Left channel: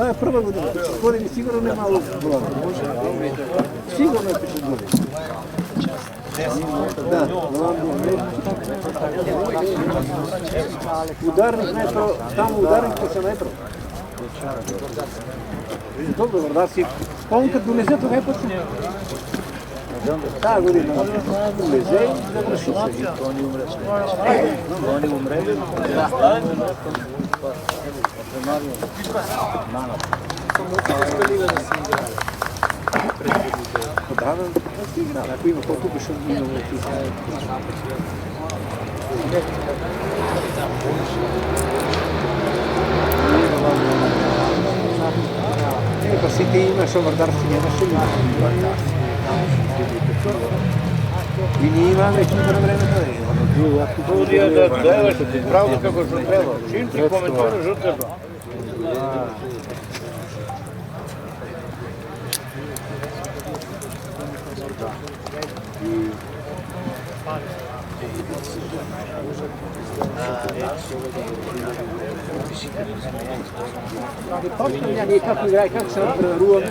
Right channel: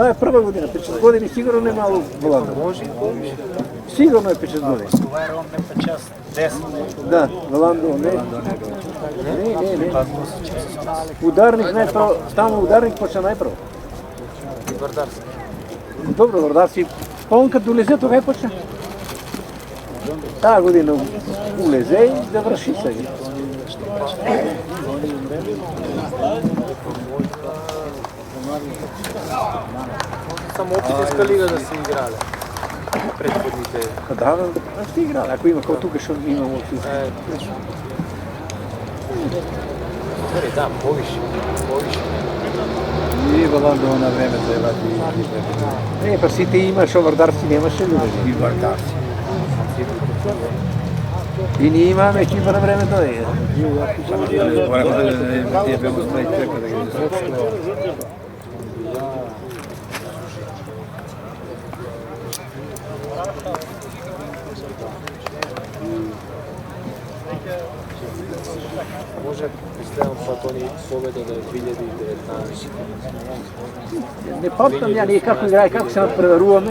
Това е първа година. През години сигурно не малко Холандия. Сигурно е през години. Да, Холандия не. Ударно, знаеш, там ударно почва най-право. Dobro, da si on kad uleze to ne počne. Ta godina uleze i završi se. Samo Opetijska liga da se igrala. Da, si igrala. Ako ima kao tu bi što imao neki. Da, voliš. Nije da vam je ona ne, pa si ti imaš ovrdarski, nemaš ili ovrdarski. I nije ima već na vreme da je. Pravno kako se vreme, čim se komentara žrtva. Ne pamtim ja nije kako igraju, kako se naprvarujeme.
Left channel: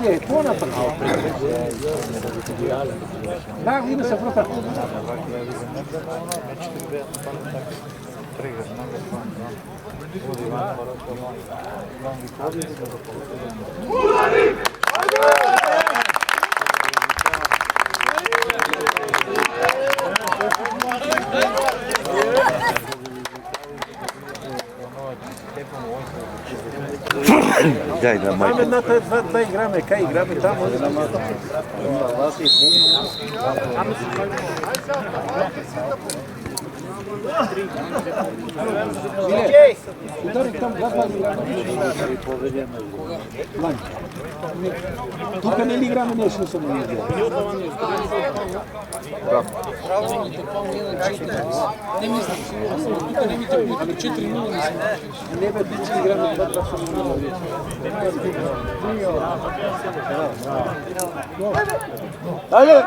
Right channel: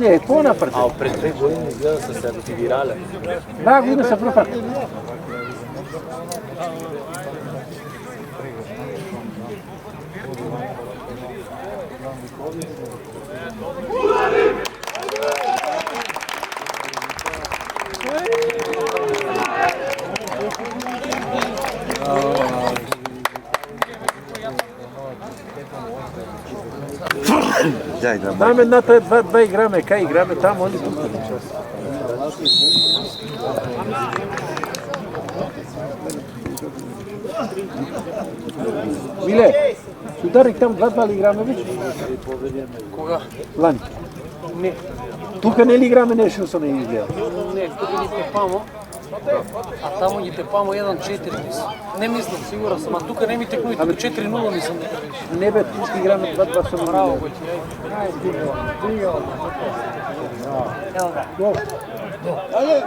Ne, ko napravo? A pred 3 godine se sad igrale. Da, vidim se napravo. Дай, да, майка. Ajme, na to je dva igrame, kaj igrame tamo, ovdje tamo. Mile, udarnik tamo gledali Igranović? Koga? Lani. Ne. Тука не ли играме нещо само не играе? Не, тук ни тепамо. А тамо ни тепамо 1-4. Не мислам, сигурен съм. А тук не ми текуете до 4-0 мислам. Не бе, тук играме 2-2 само мало. Ajde!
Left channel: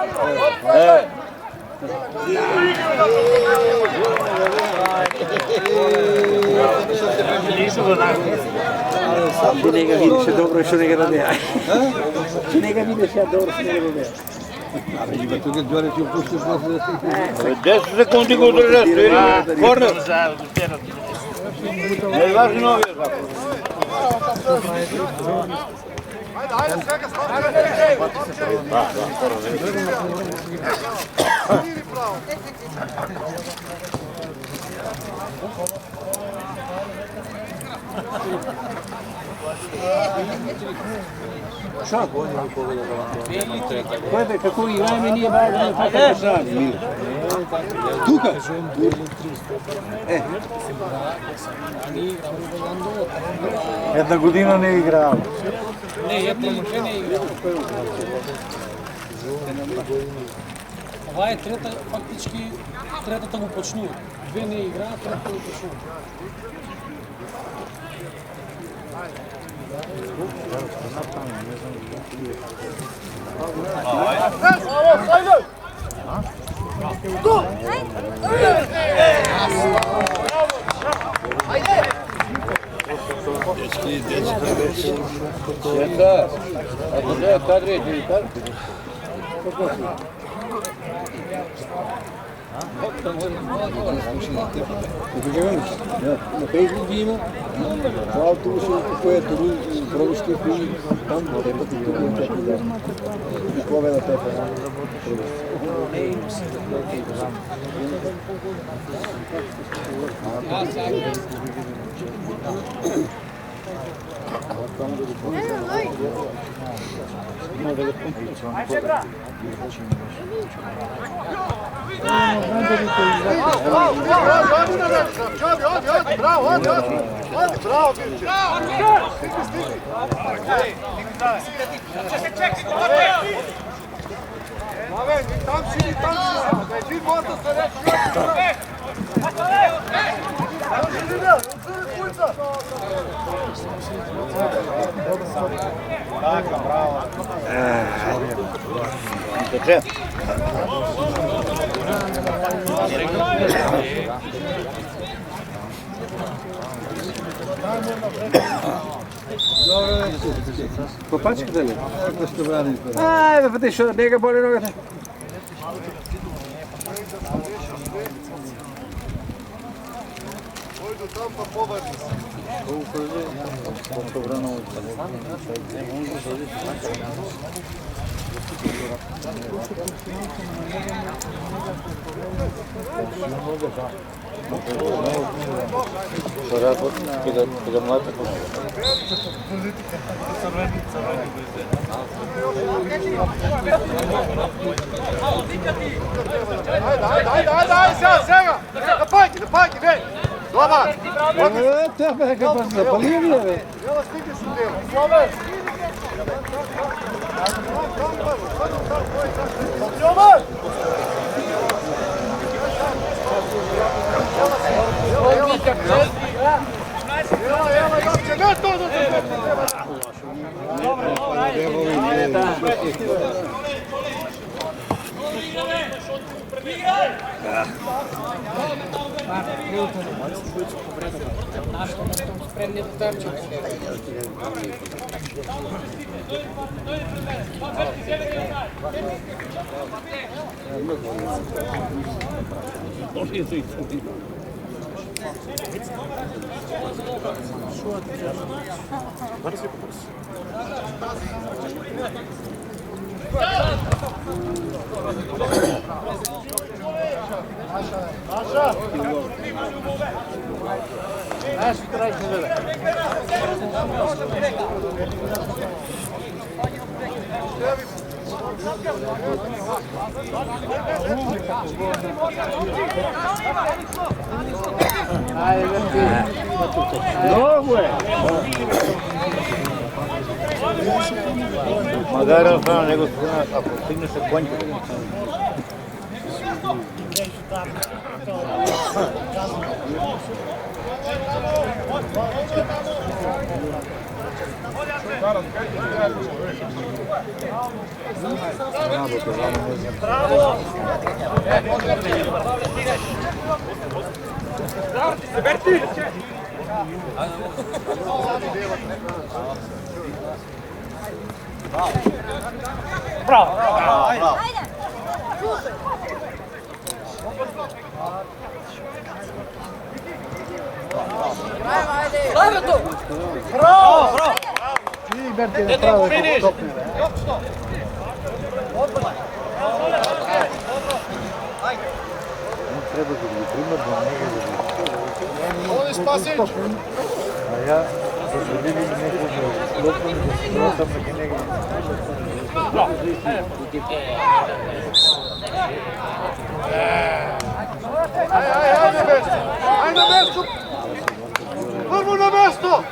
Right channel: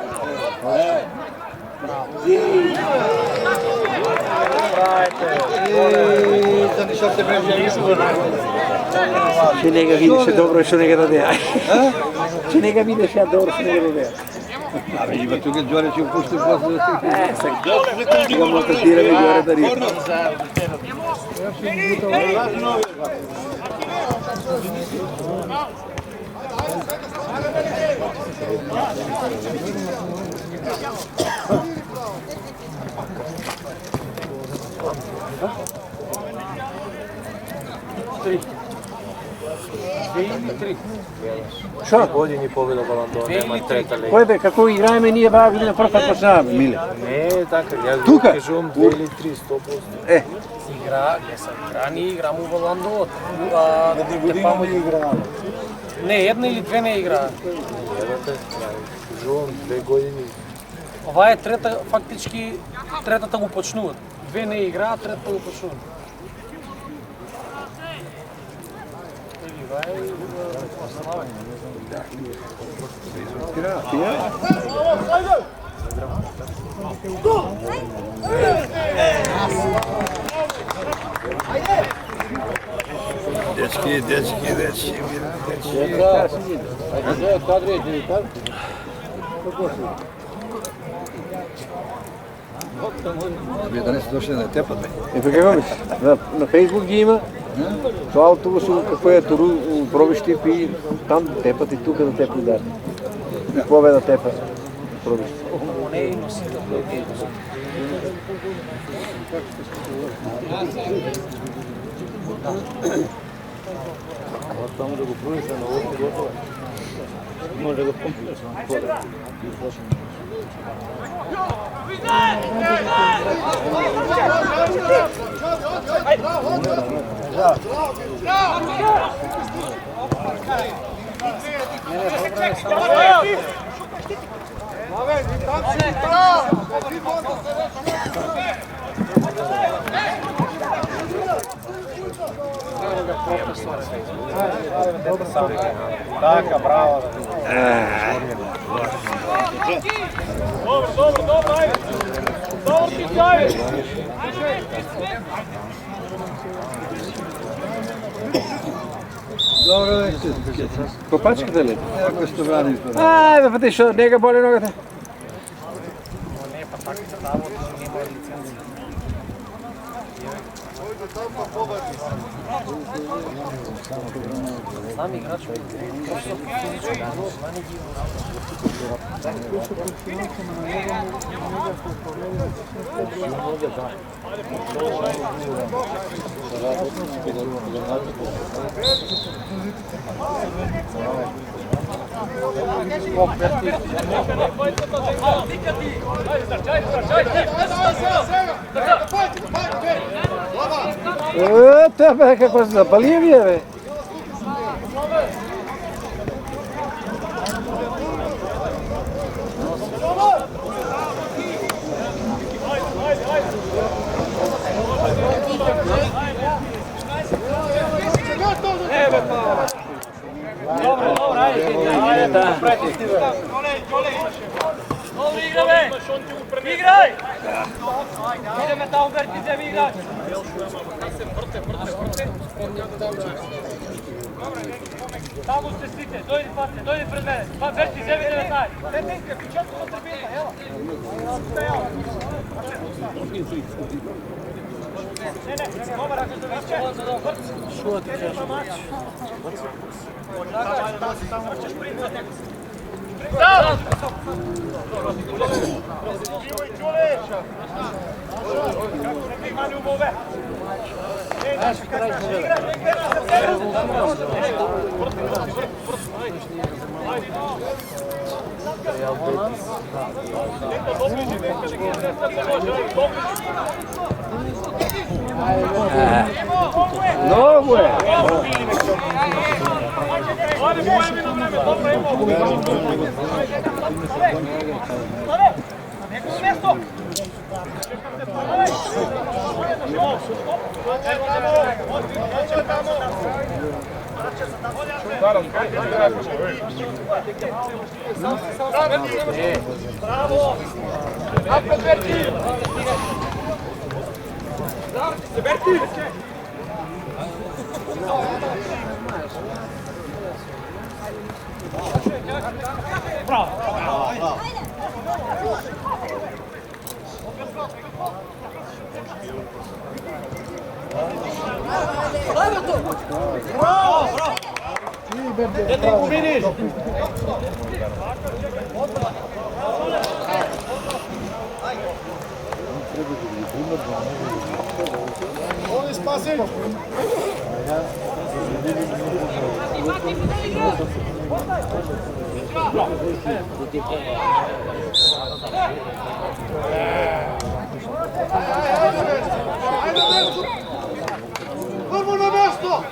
Ще не ga vidiš, je dobro, što ne ga rade. Ще не ga vidiš, je dobro, što ne ga rade. Ali ima tu kad Đore će pustiš vas da 10 sekundi go držati. Korno. Što? Години победа Баландона, има трета лига. Кой бе, какво играеме ние бава година първа път познаваме, Миле? Не, така. Я Тука? кажувам 2 или 3 стопа. Е. Се игра, ние играмо в Баландона. Една година не играла. Не, една или две не игра. Кажувам 2 години. Това е трета, фактически третата го почнуват. 2 не играят, третата го почнуват. Дечки. Света, а где кадри, не так? Да не слушай на теб, бе. Ето какво мислиш? На Фейсбук ги има. Това автобус, което пробищи и там тепат и тук да тепат, да. И какво бе да тепат? Пробищи. Не е носител, не е носител. Там да го пълниш на новото. Може да го пълниш. Копачката ли? Ако сте брани. Ай, бе, ти що, нега боли ногата? Eita, bе, kako zapalio mi je, bе. Igraj! Ideme tamo, Berti, idemo igraj! Spremni do temča. Tamo ste stite, dojdi pred mene. Pa Berti, sebi ne daj. Mnogo je. Da je razbrano nego stigne se konj. Bravo! Berti! Bravo! Vamos na mesto!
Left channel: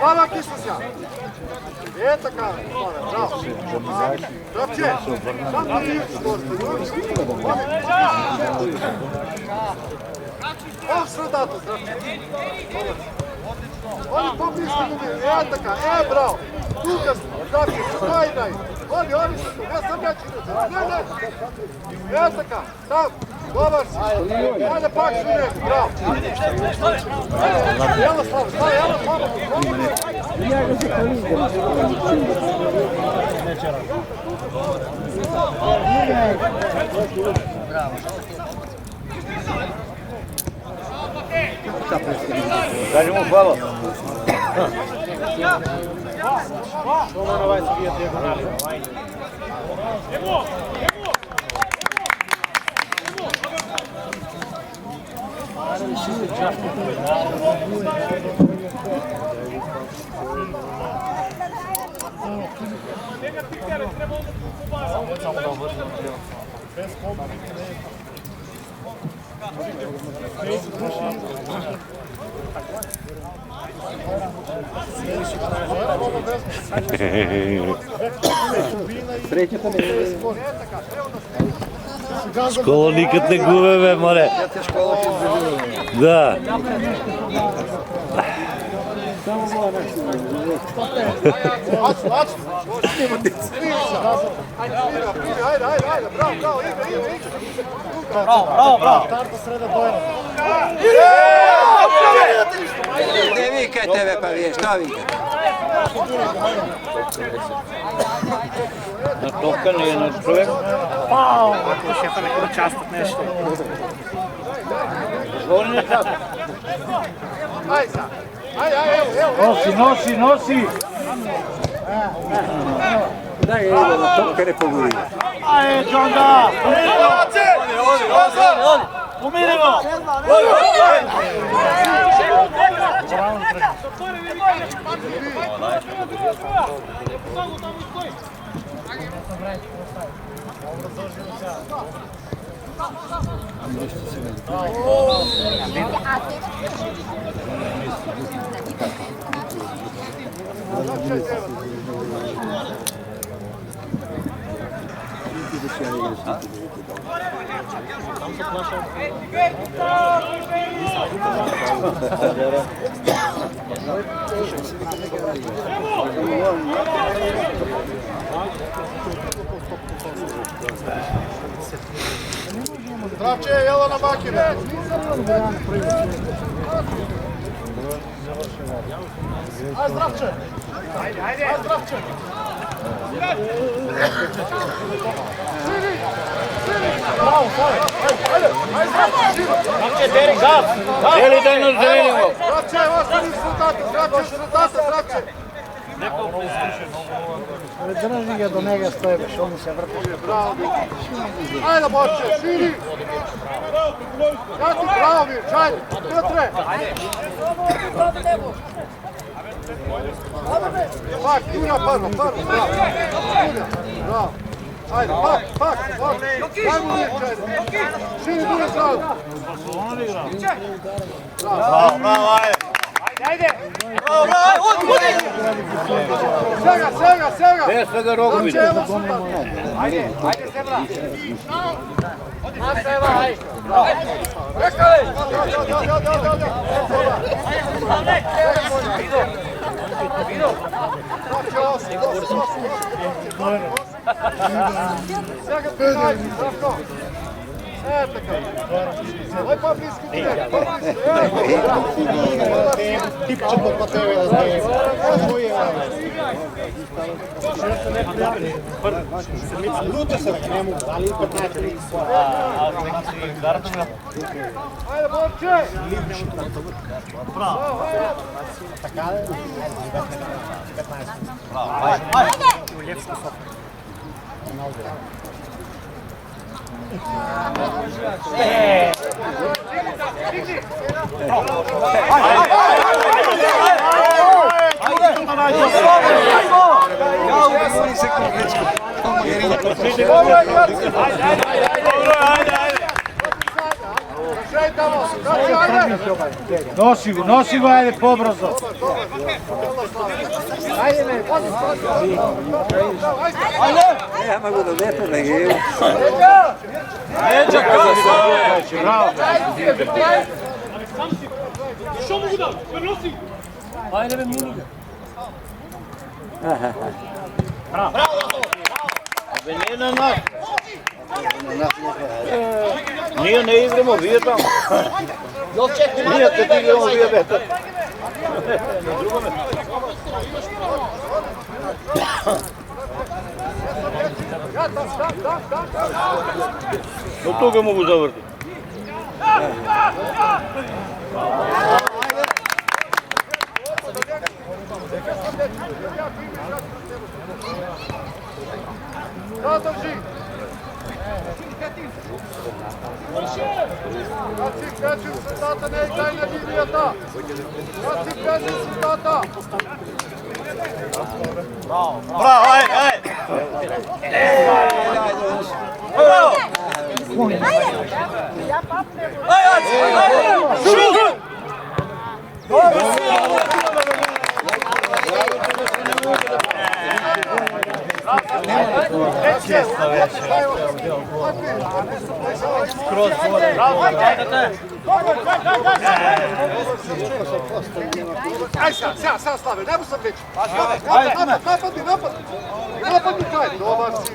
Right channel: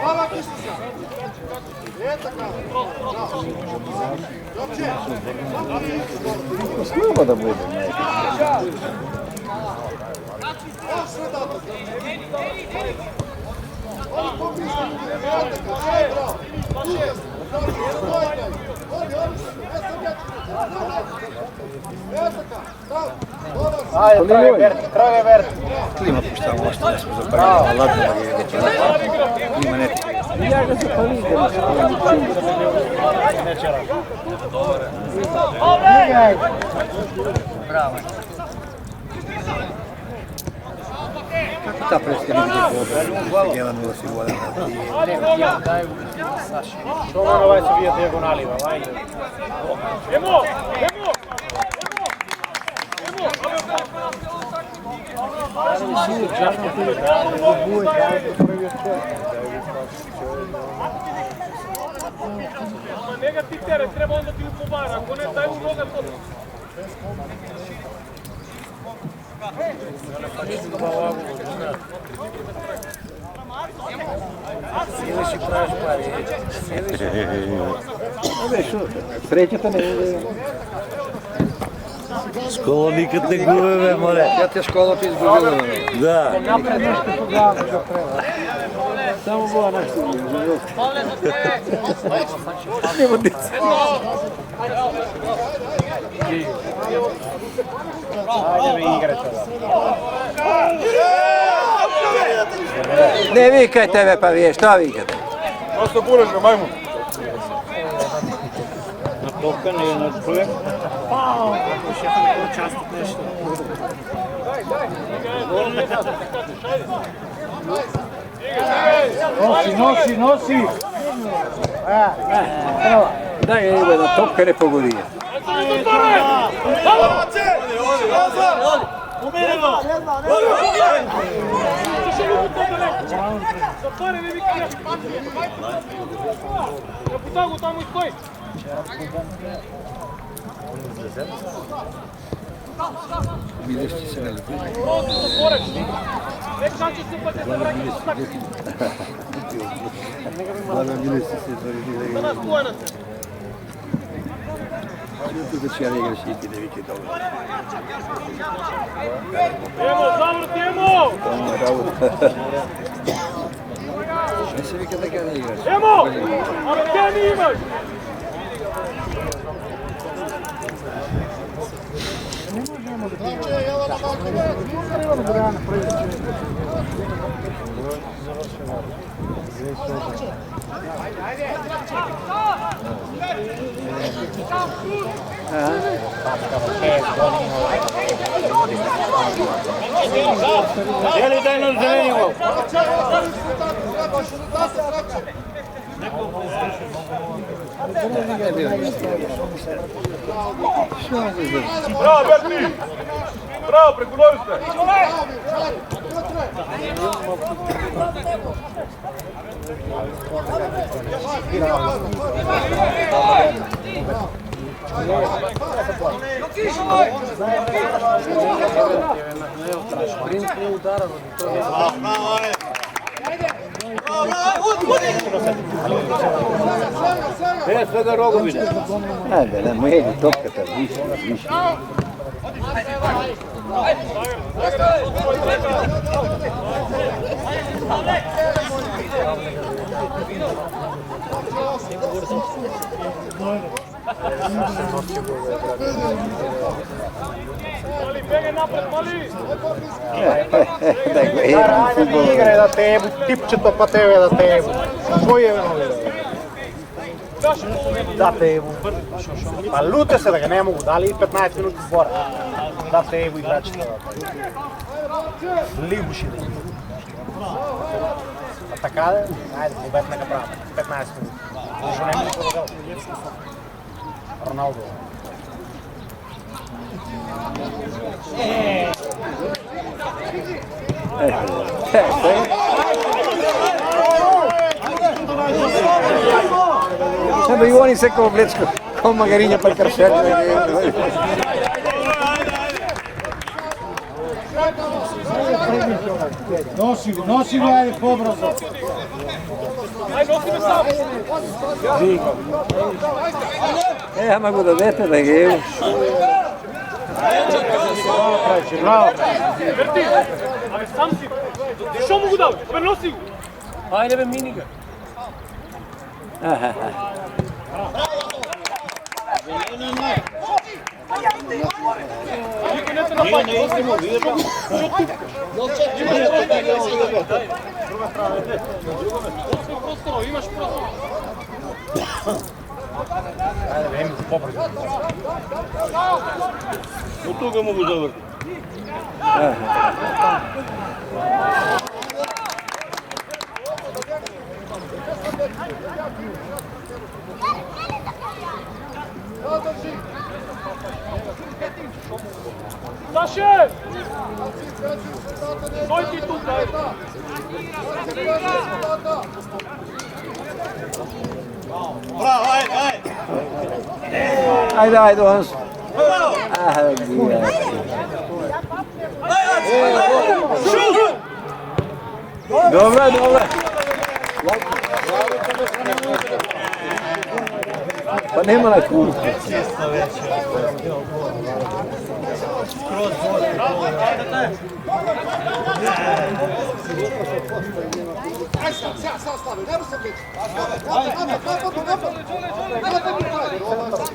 Hvala Kisica! Eto kada! Dobrze! Snima da bude. Evo sve dato! Oni pomislili, eto kada! Bravo! Lukas, znači, daj! Oni su tu, ja sam jači! Eto kada! Tam! Dobar si! Ajde, pravi ver! Bravo! Ja ga se palizdem. Среќата не е. Школа никад не губе, бе, море. Те школа ти изгубила. Да. Само това нещо. Bravo! Ne vikajte me pa vi, šta vikajte? Natokano je na čovjek. Nosi! Daj ga ide da topka ne pogodi. Tamo stoji. Zdravče, jelo na makine! Zdravče! Ajde! Zdravče! Jeli daj na zelenjevo. Zdravče, ostali rezultati! Zdravče, Zdravče! Drži ga do njega stoje, što mu se vrti. Ajde, Borče, širi! Bravo, preko Loviska. Bravo, Mirč, ajde! Piotre! Pak, Injo, bravo! Ajde, pak! Širi, bravo! Sega! Bez svega Rogović. Igre da tebu, tipčeto pa tebe da tebu. Sa koji je ono? Da tebu. A lute se da ga ne mogu, dali 15 minuti spora. Da tebu, da računa. Ajde, Borče! Libši. Bravo. Atakade? Ajde, 15 minuti. Ajde. Ronaldo. Sempre igual in secco Blecko, con Magherina per Nosi go, ajde, pobrzo. Ja mogu da dete da je. Bravo. Što mogu da? Prenosi. Ajde, be mini ga. Nije ne igramo, vi tamo. Nije to igramo, vi je Do toga mogu zavrti. Zadrži! Naše! Kad si kreći rezultata, ne igraj na divljeta! Kad si kreći rezultata! Bravo, ajde! Ajde, Hans. Dobro. Pa ne mora tu. Aj sad stave, nemo se bliči! Napad! Dobar si!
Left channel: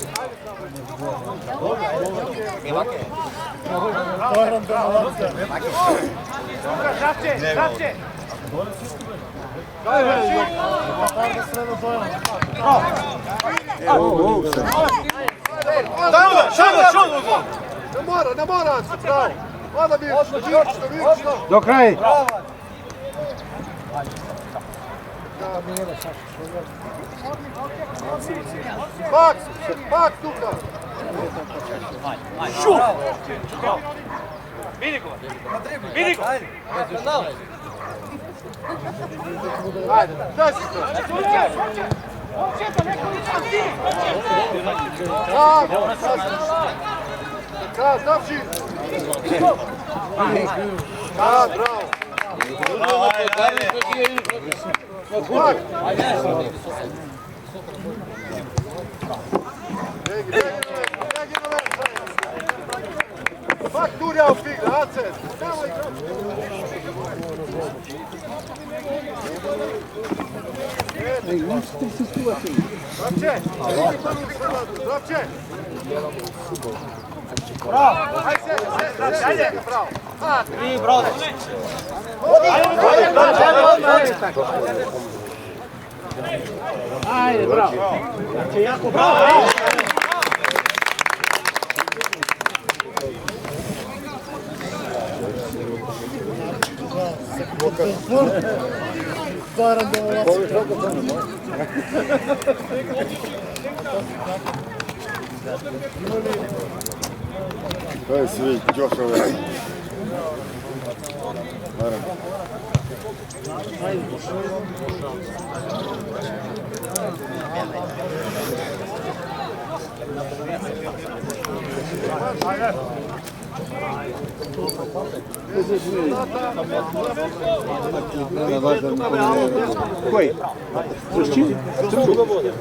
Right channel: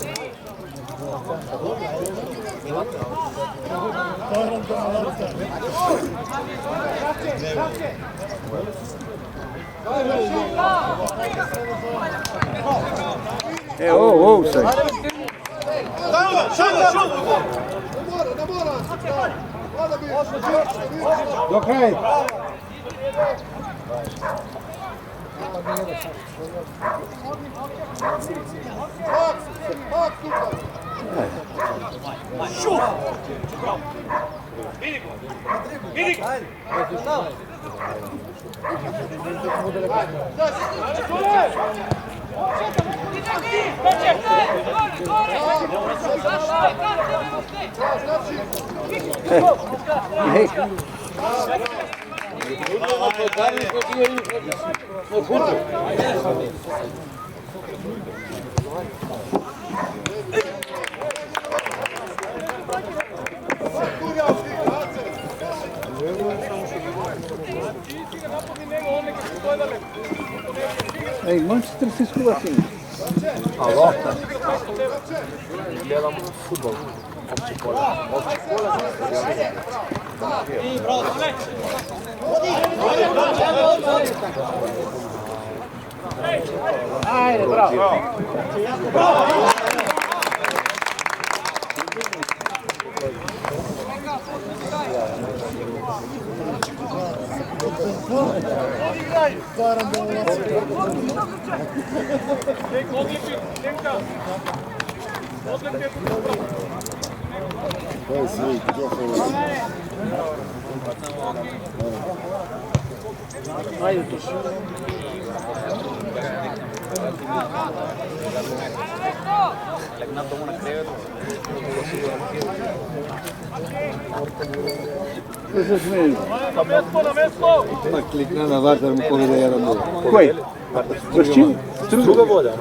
Šapće! Ovo sad. Ne mora, bravo. Hvala mi, Do kraja. Bak tuka. Vidi go! Ej, možete li se skuvati? Ajde, bravo! To je svi, Đošove. Klikne na važar mi koji je radio. Koji? S čim? Struga voda.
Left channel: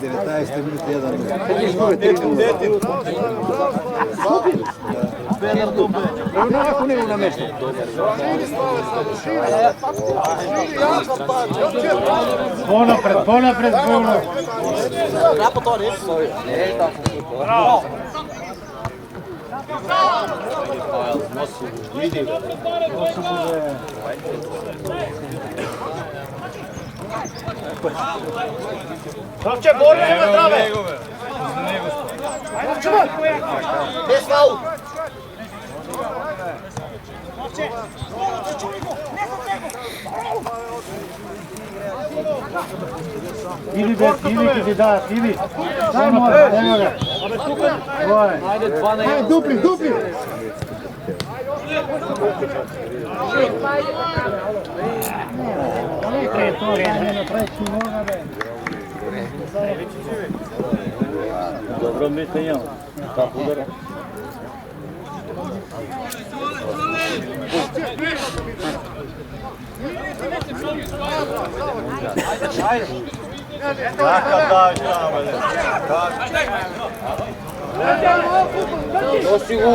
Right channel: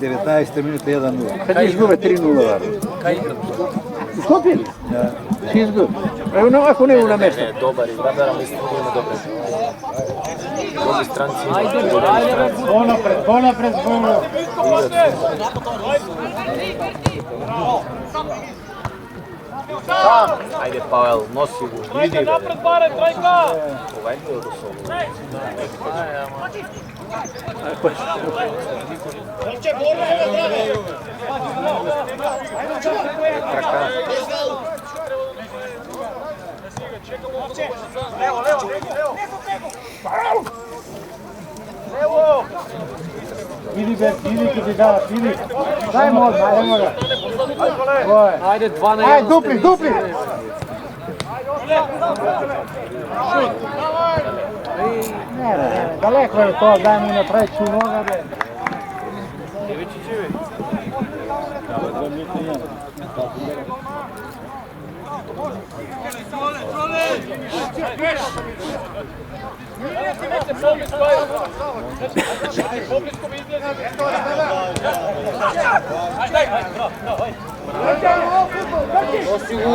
19 minuta 1 minut. Kad je izgube 3-0. Izgubili? Da. Izgubili. Evo ako ne na mjesto. Ponapred, ponapred, ponapred. Ajde Pavel, nosi. Trojka napred, bare, trojka! Šapće, borbe, nema zdrave! Ajde, čuvaj! Bez faul! Šapće! Idi bez, idi kad ti da, idi. Daj možda, evo ga. Ajde, 12. Ajde, dupli, dupli. Ne, daleko je to, daj mu na treću noga, be. Dobro, mi te imamo.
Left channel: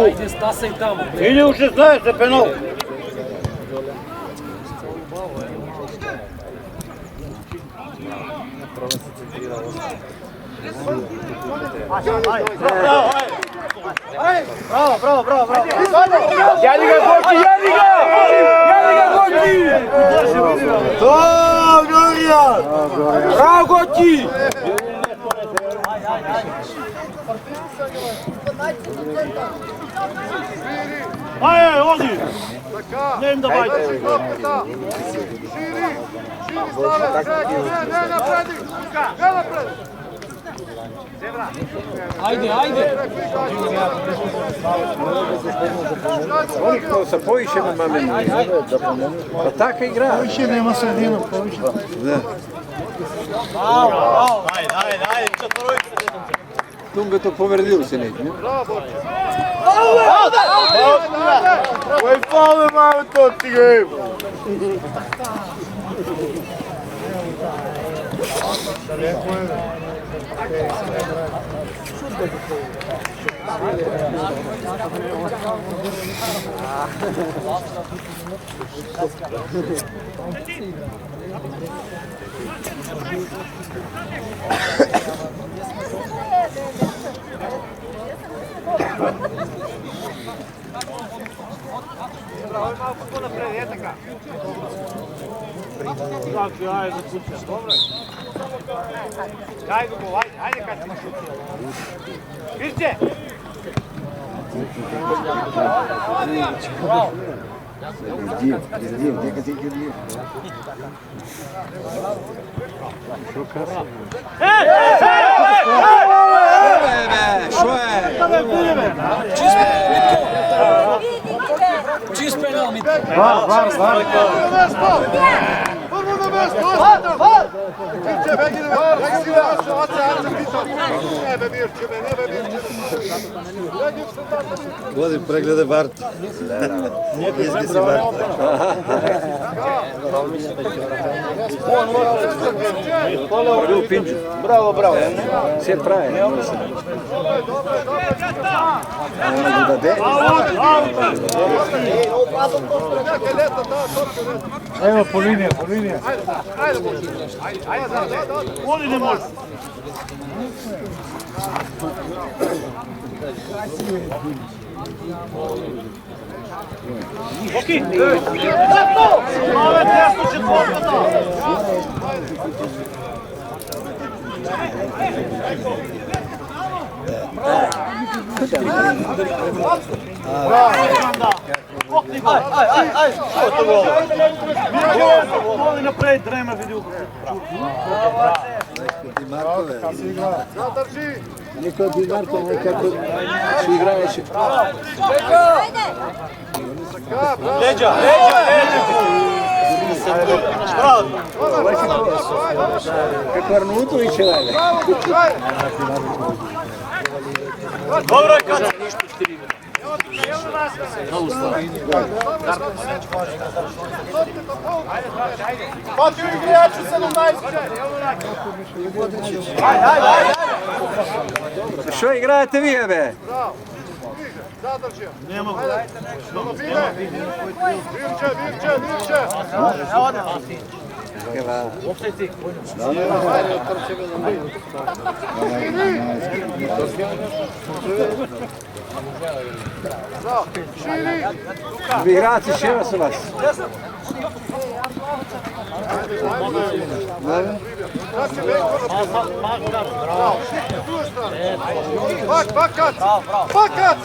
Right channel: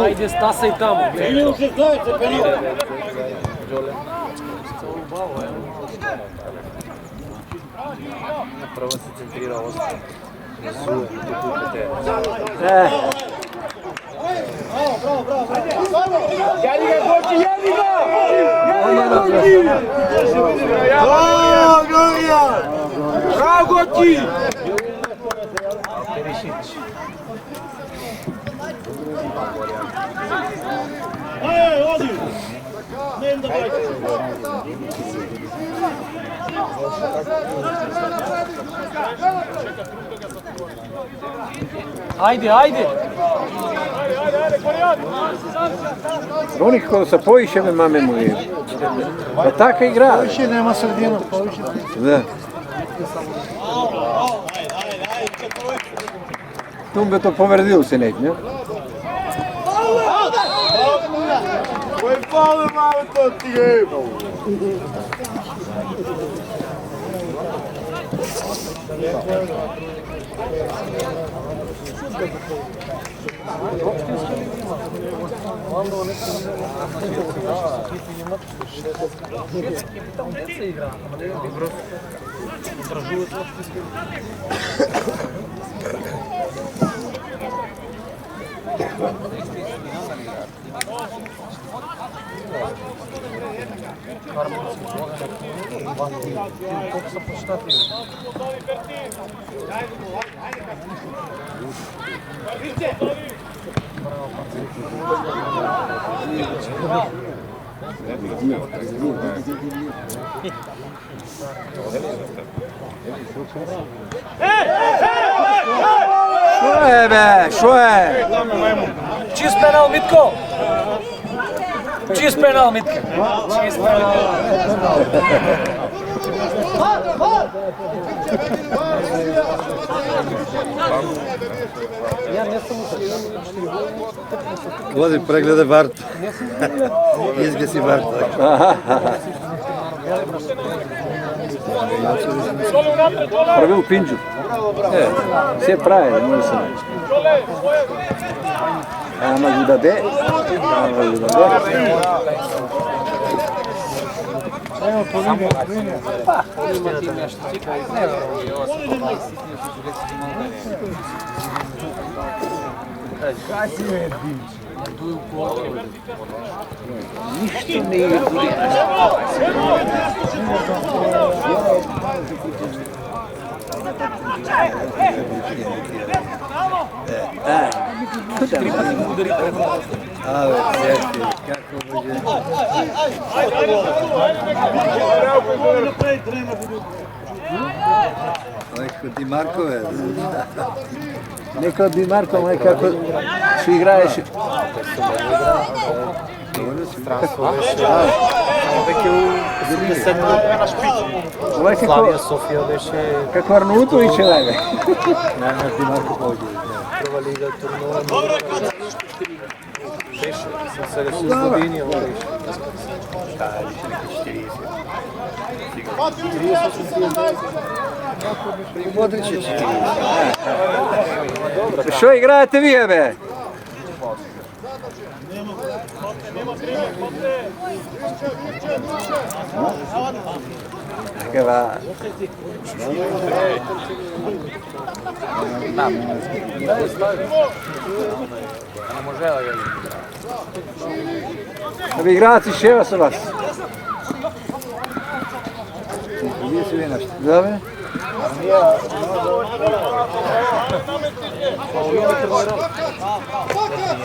Ajde, stasaj tamo. Ide u 16, penal. Bravo, bravo, bravo. Jadi ga, Goči, jadi ga! Jadi ga, Goči! Bravo, Gorija! Bravo, Goči! Ajde, odi! Ne im da bajte. Ajde, ajde! Oni kao sa povišenom mamenom. Pa taka igra. Poviše nema sredinu, poviše. Da. Tu bi to povredilo se neki, ne? Koji faul malo to ti je? Što je? Čist penal, Mitko! Čist penal, Mitko! Čist penal. Vodim preglede Barta. Izgisi Barta. Prvo pinđu. Bravo. Sve pravilno, mislim. Ono da Evo po linija. Ti Markove. Neka od Markova, kako su igraješi. Kako Arnutović je dalje. Dobro, Što igrate vi, be? Zadrži. Virče. Eva. Vi igrate še su vas? Fakat!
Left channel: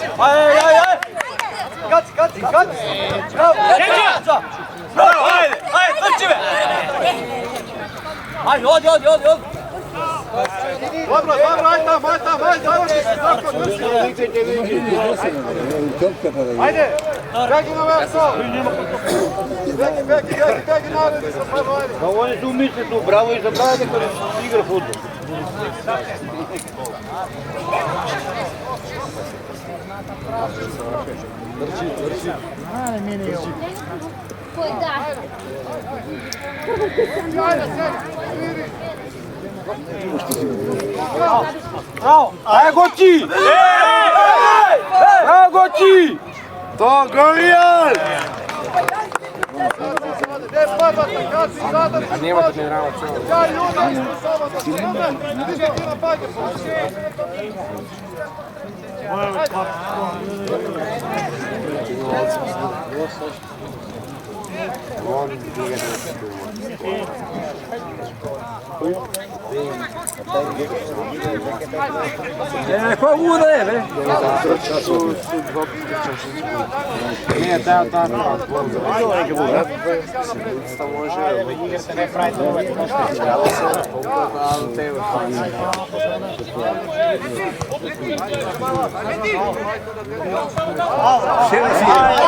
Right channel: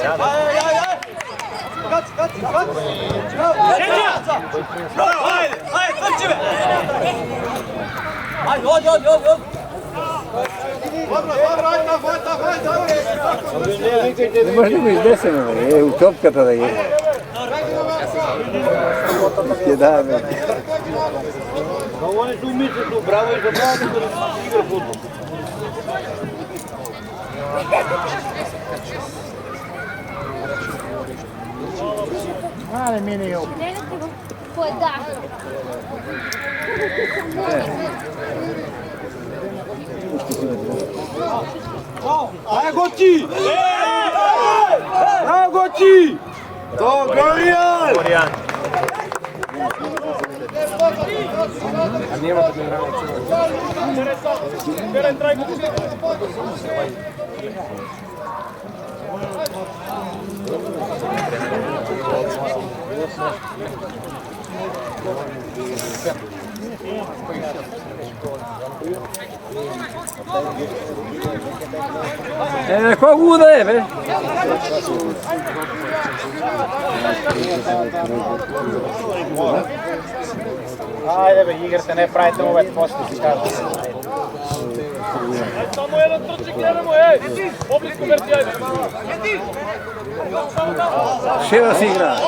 Ne možemo izdeseno, je u topkata da ide. Oni su umični tu, bravo i za mlade koji igra futbol. Poi dai. Evo ti! To Gorijan! Ko bude, bre? Še si igra?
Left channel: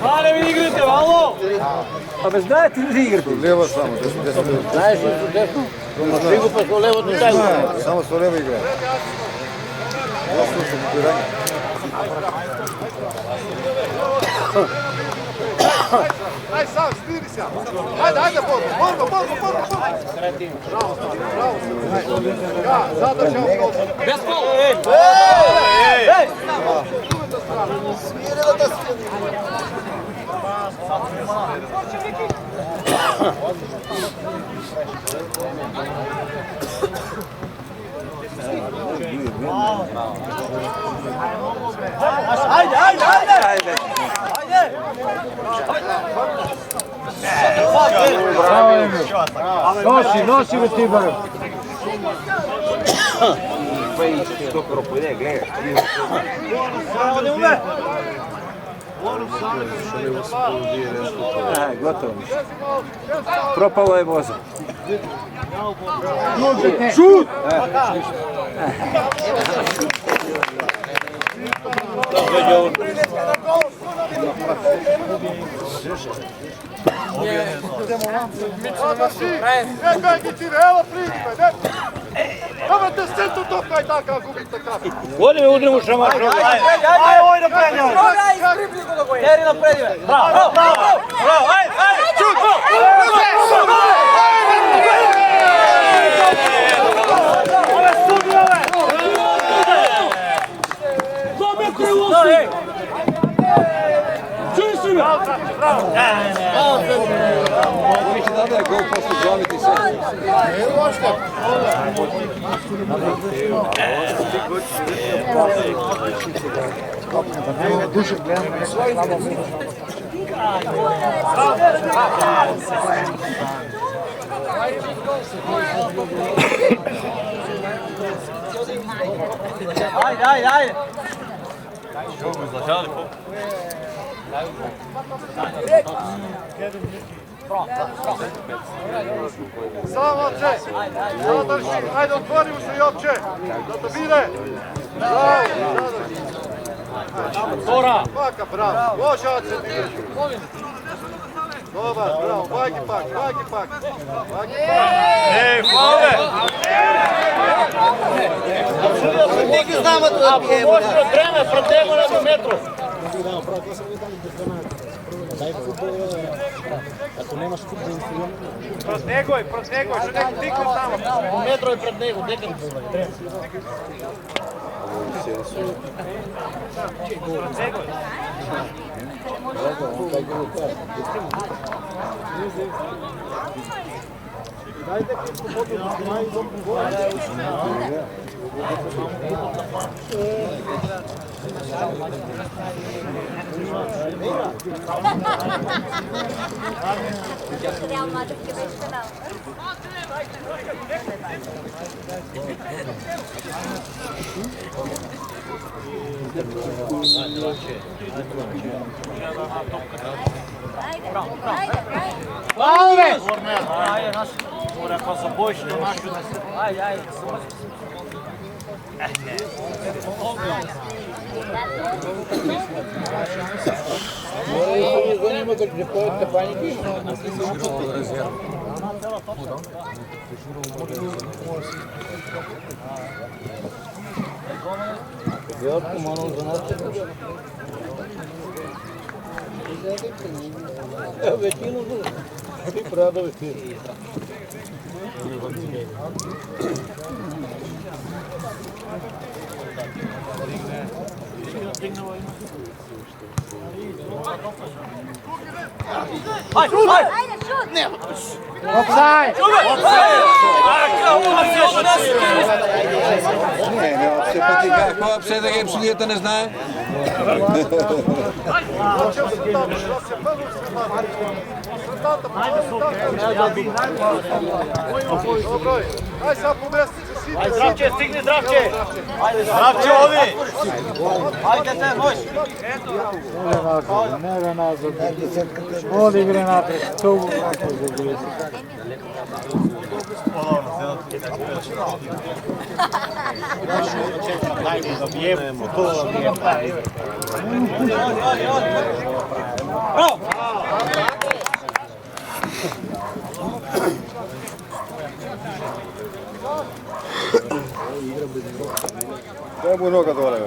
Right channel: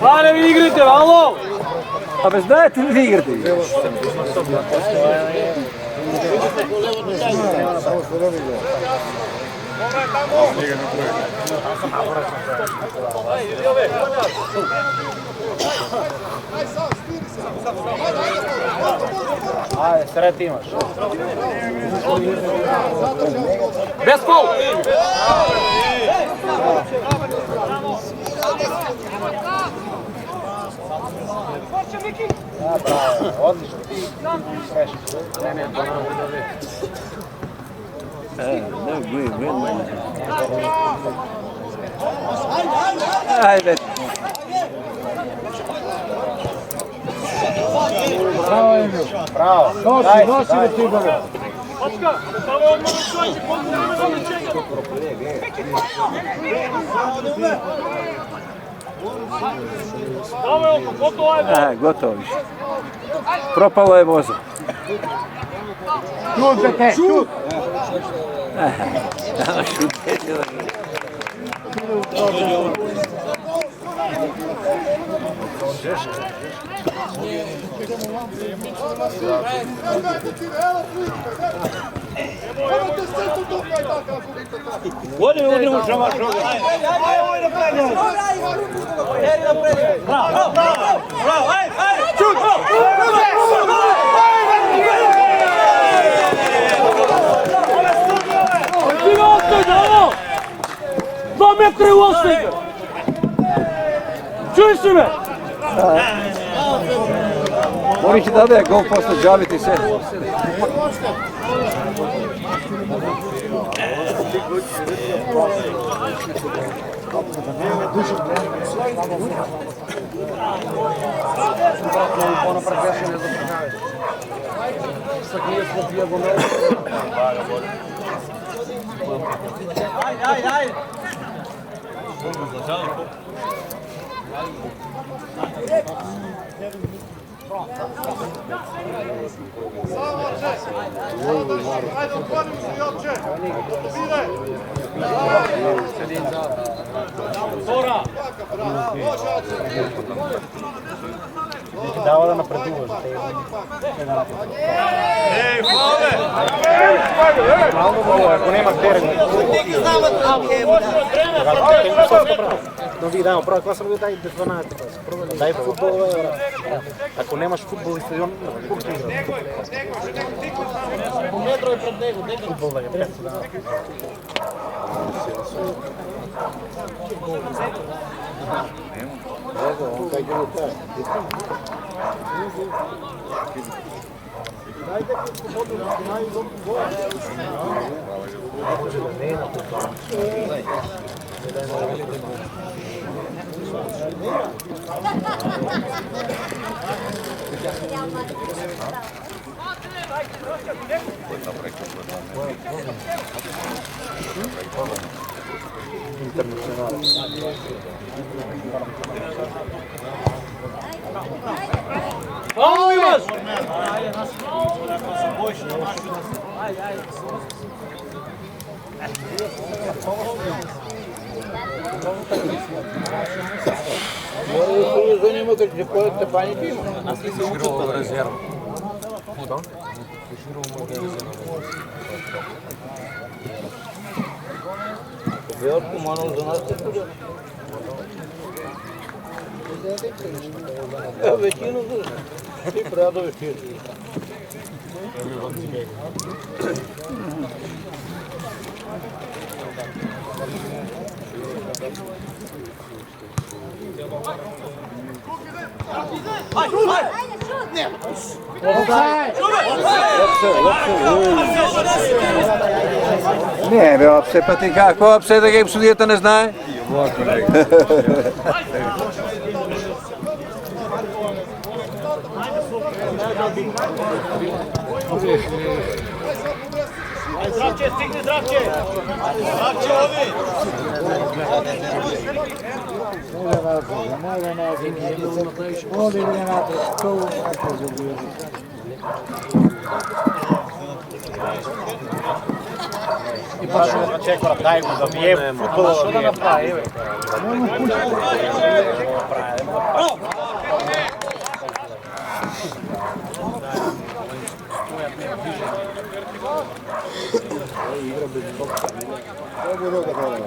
Hvala vi igrite, alo! A bez znate li igrati? Levo samo. Vidite ko levo tu taj. Samo su levo igra. Aj sam, smiri se. Ajde, borba. Sred imaš. Ja, zadržao. Bez gol! Bravo, Emil. Nosi ga ti bare. Gotovo više. Propalo je voza. Šut! Evo priče, evo te se tu tokaj tako gubite kako. Vodi me udrimo šamar. Metre u ostaje! Čuješ li me? Oni će da je gol posle džaviti se. Ajde! Samo Če, ajde otvorimo se i opće. Bire. Baka, bravo. Može Ače. Dobar, ajde pak. Daj futbol, ako nemaš futbol stadion, metro je pred nego, gdje futbol je? Ne, bе, opse, pa ti kako opse da game sudijeta ne znaje? Aj sad pomesti se svi. Zdravče, stigni zdravče! Zdravče ovi! Ajde te, hoj! Ne nazad. Vodi gre napred, to u kako zabije. Čekam, dajmo da bijemo, futbol da bijemo. Bravo! Obu noga dole.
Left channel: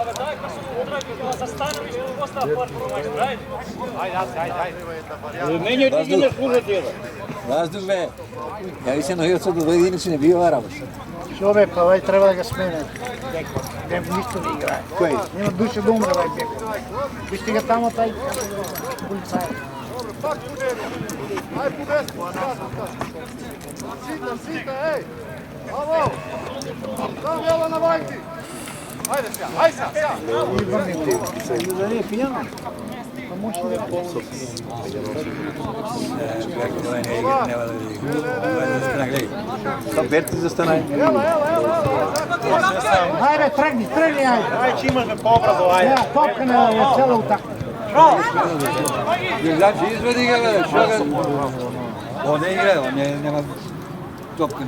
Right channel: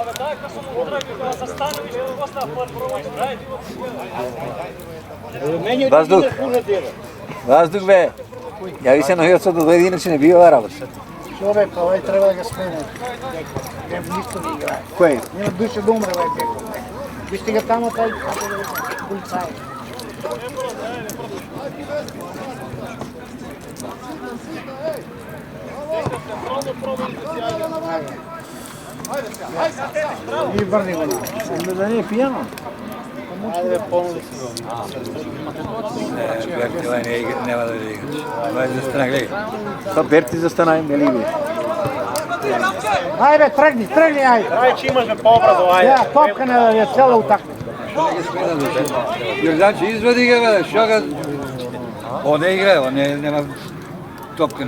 Абе, дай kad sam udragio da za Stanović ili ostao prvo majstor, ajde. Vazduh. Vazduh be. Javi se nohio sad do dve inače ne bio Arabas. Čove, pa ovaj treba da ga smene. Nema ništa ne igra. Koji? Nema duše da umre ovaj beko. Vište ga tamo taj policaj. Aj po desku, sita, ej! Bravo! Bravo, Jela na vajki! Ajde se, ajde se! I vrni ga. Da nije pijano. Pa može da je polno. Sad derti za stanaj. Ajde, trgni, ajde. Već imaš da poprazu, ajde. Ja, topka je cela utakmica. Znači, izvedi ga, što ga... On ne igra, on nema topke.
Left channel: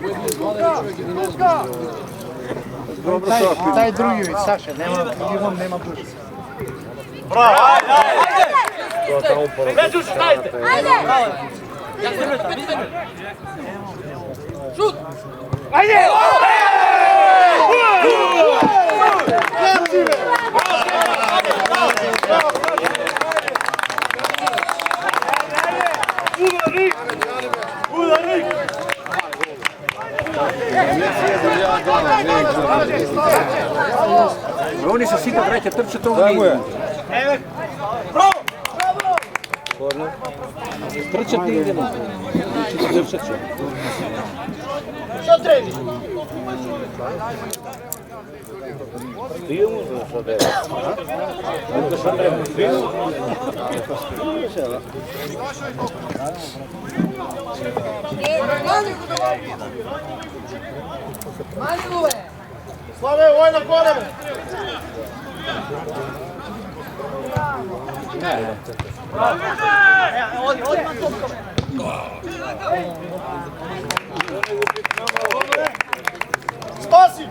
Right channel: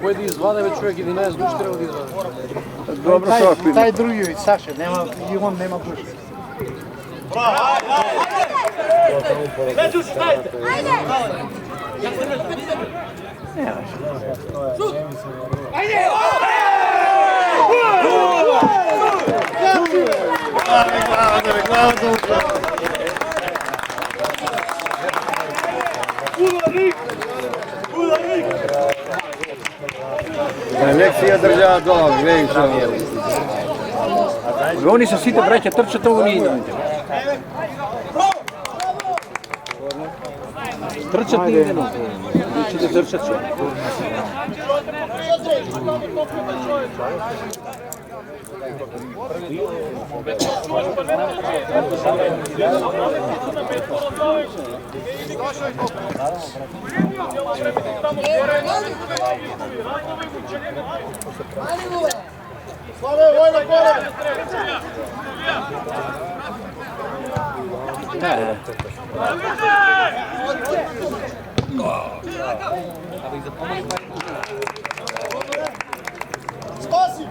Koji bi izgledao čovjek ili ne znam što Taj drugi, Saša, i on nema duše. Bravo, ajde, ajde! Među stajte! Šut! Ajde! Oni su sito breće, trče to u nije. Trčat nije idemo. Trčat će. Što trebi? Slave, vojno koreme! Spasi!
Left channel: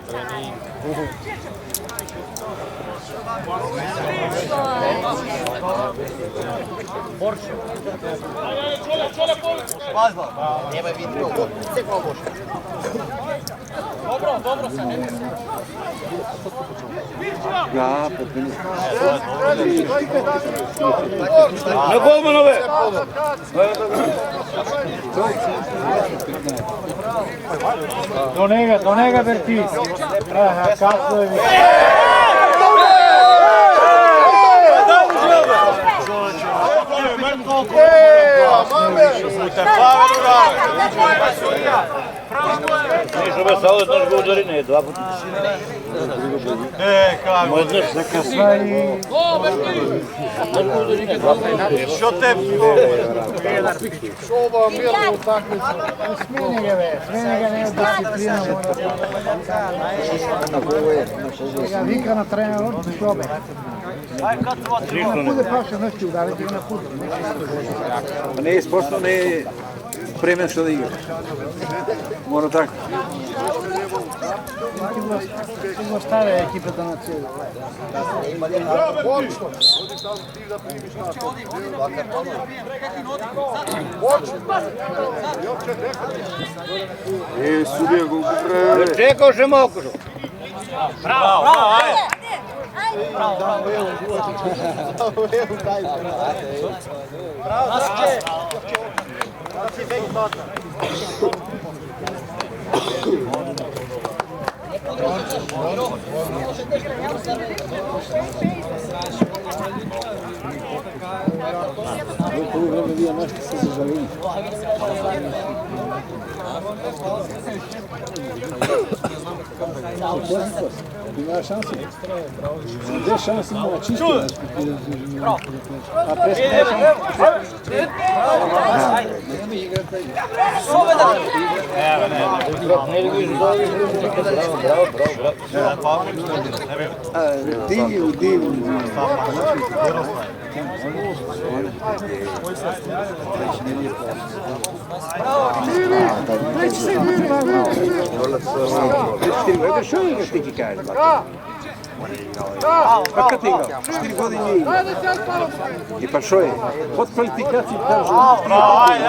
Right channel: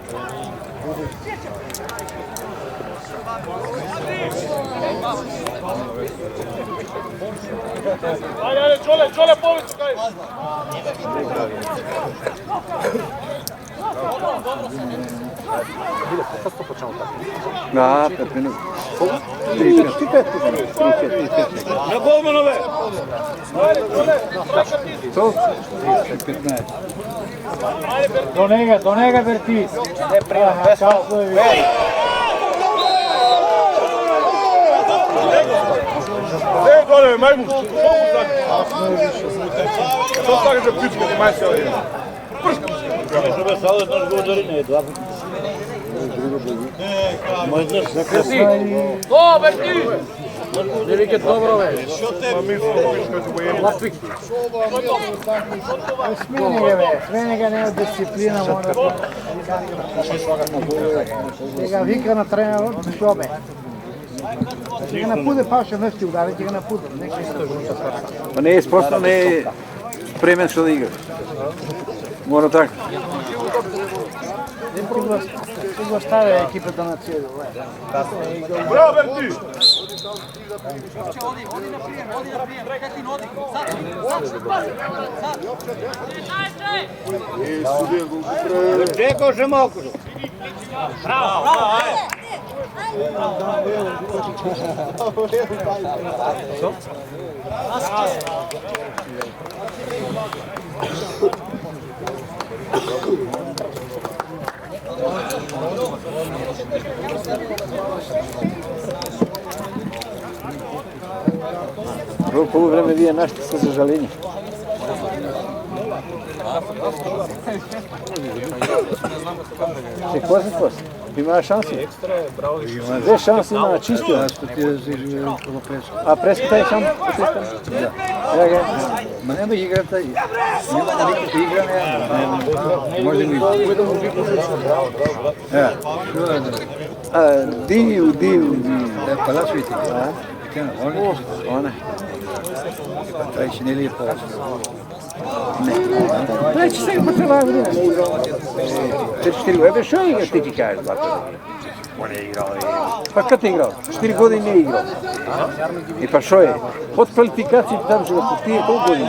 Čole, povici! Pazba! Dobro, sad ne mislim. Da, 5 minuta. Na golmanove! Do njega Berti. Aha, kasno je vidio. Żeby cały nasz górze dva puta. Možeš Za kasno i... Što tebi? Smeni ga, nema disciplina, mora da... Ga vika na trener, šobe. Ti ga napude paša, nešto udari, ti ga napude. Pa ne je sposobno, ne je spremen što da igra. Mora tako. Ti go stave ekipe da na cijelu. Čekao še mokro. Bravo, ajde. Prvo vreme vi je našli sa zažalenjem. Če, ko si Има шанси. Две шанси има чисто. А преската е шанс. Няма играта. Диви. Ето що ли ще ти кажеш, бата? Пак ти играл? 4 години играл. И па шо е? От квалификации кажа от тия 5 години.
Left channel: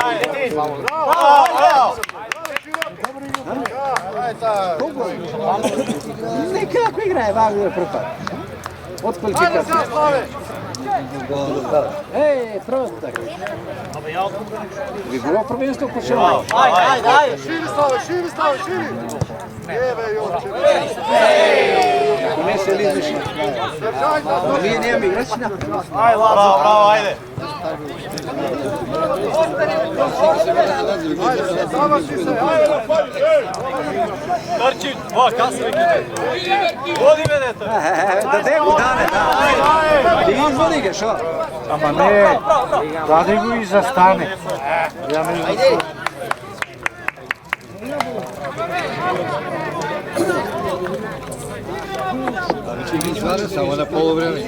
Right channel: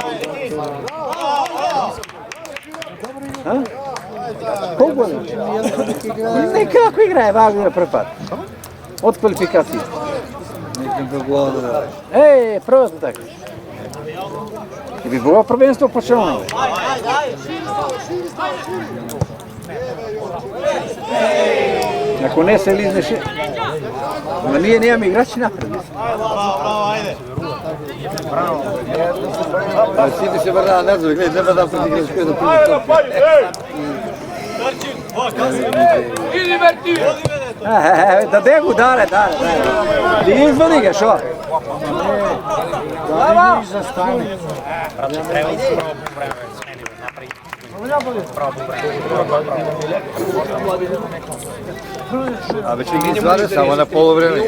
Колко е? Некako играе, важно е препад. От квалификации. Просто така. Би било prvенstvo почелно. Ако не се лизнеше, но ние нямаме играчи напред. Браво, айде! Сите се върна назад, не взема да бъде да Айде, напади, ей! Торчи, иди Мерти! Даде го, дале. Да ги извади ga, шо? Ама не, даде го и застане. Абе, че ги извади само на полувреме.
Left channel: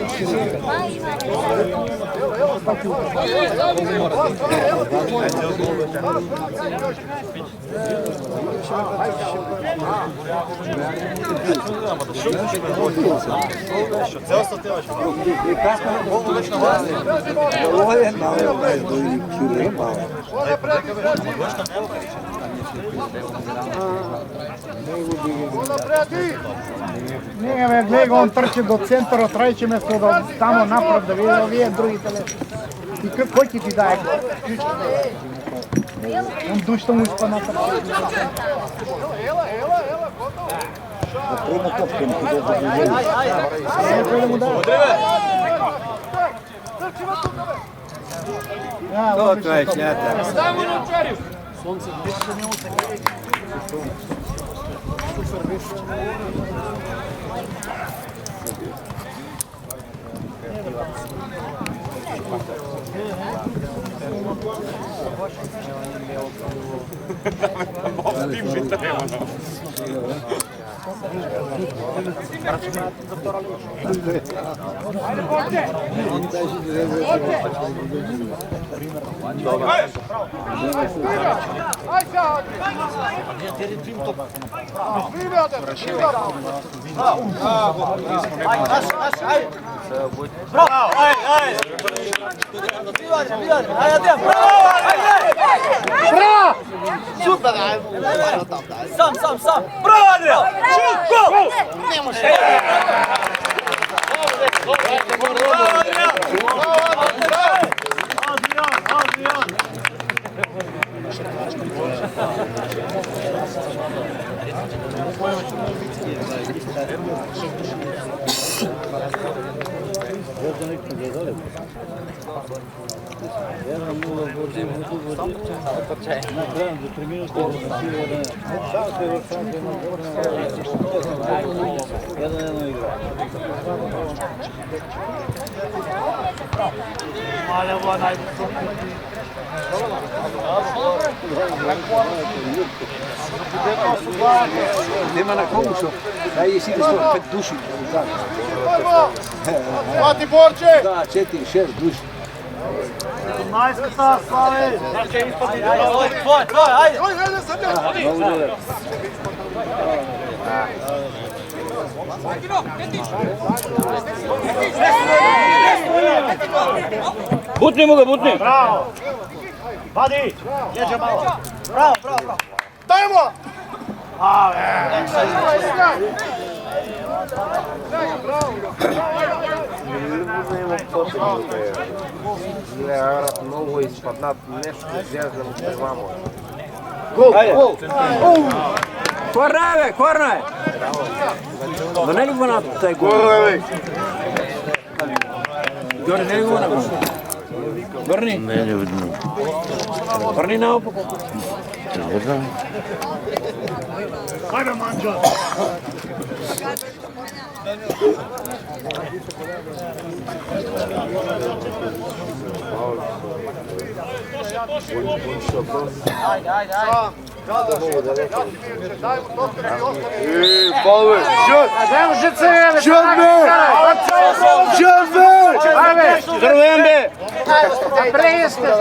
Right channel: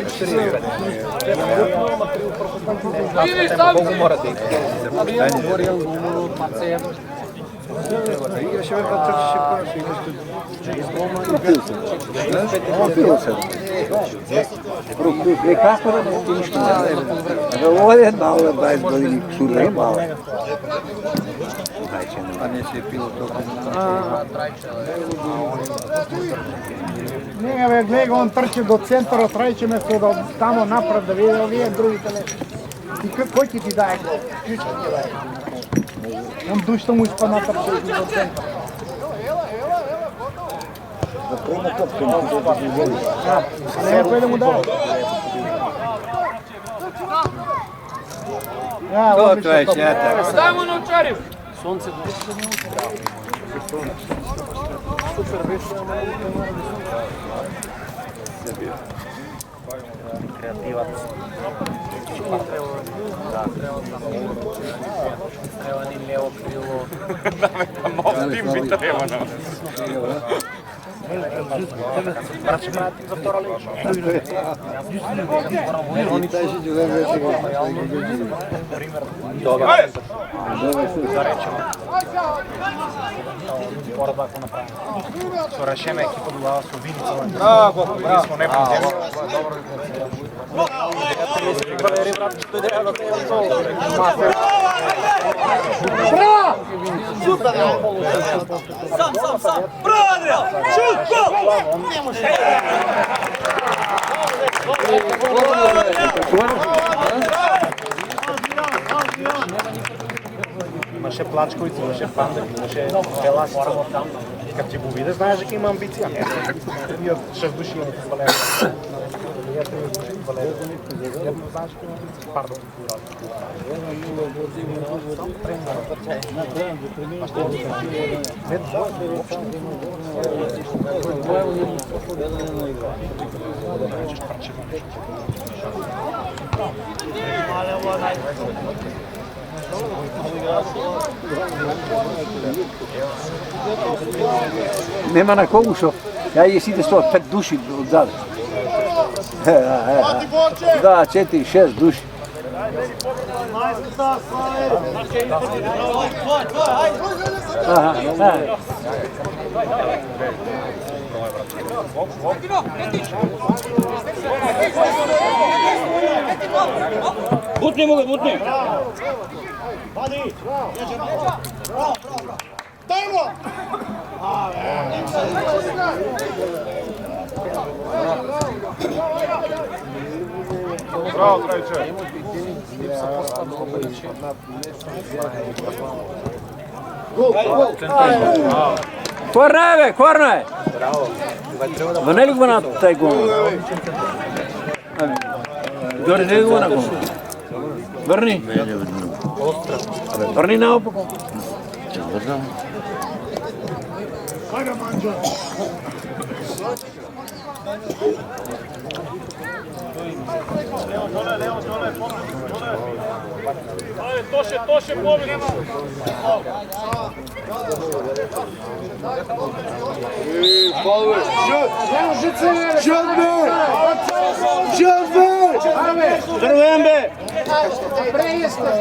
Не, бе, гледай, он трчи до центъра, трайче место да тамо напред да види овие другите ле. И кой ти даде? Он душта му изпадна трчи до центъра. Да приема топка, не ходи да го вземе. Няма кой да му даде. Това е чията. Браво! Сам! Браво, Адриан! Шут! Гол! Имаше плачко и имаше плачко. Ела само там. Как ти го видя, знаеш, дека има амбиция. И 6 души Nema na kogu što, ja je sidi svoj 5 duši zad. Mati Borče! Da, 4, 6 duši. Majskata, Slave! Tvoj, hajde sam ja! Butni mu ga, butni! Bravo! Vadi! Jeđe malo! Bravo! Dajmo! Много изпаднат нещо, изглеждам за двама. Gol! Korna je, be, korna je! Ma ne li go na taj gol? Dori, ne li go na gol? Vrni. Vrni na opako. Hajde, Manđo! Дай уже цели! Здравейте! Престе!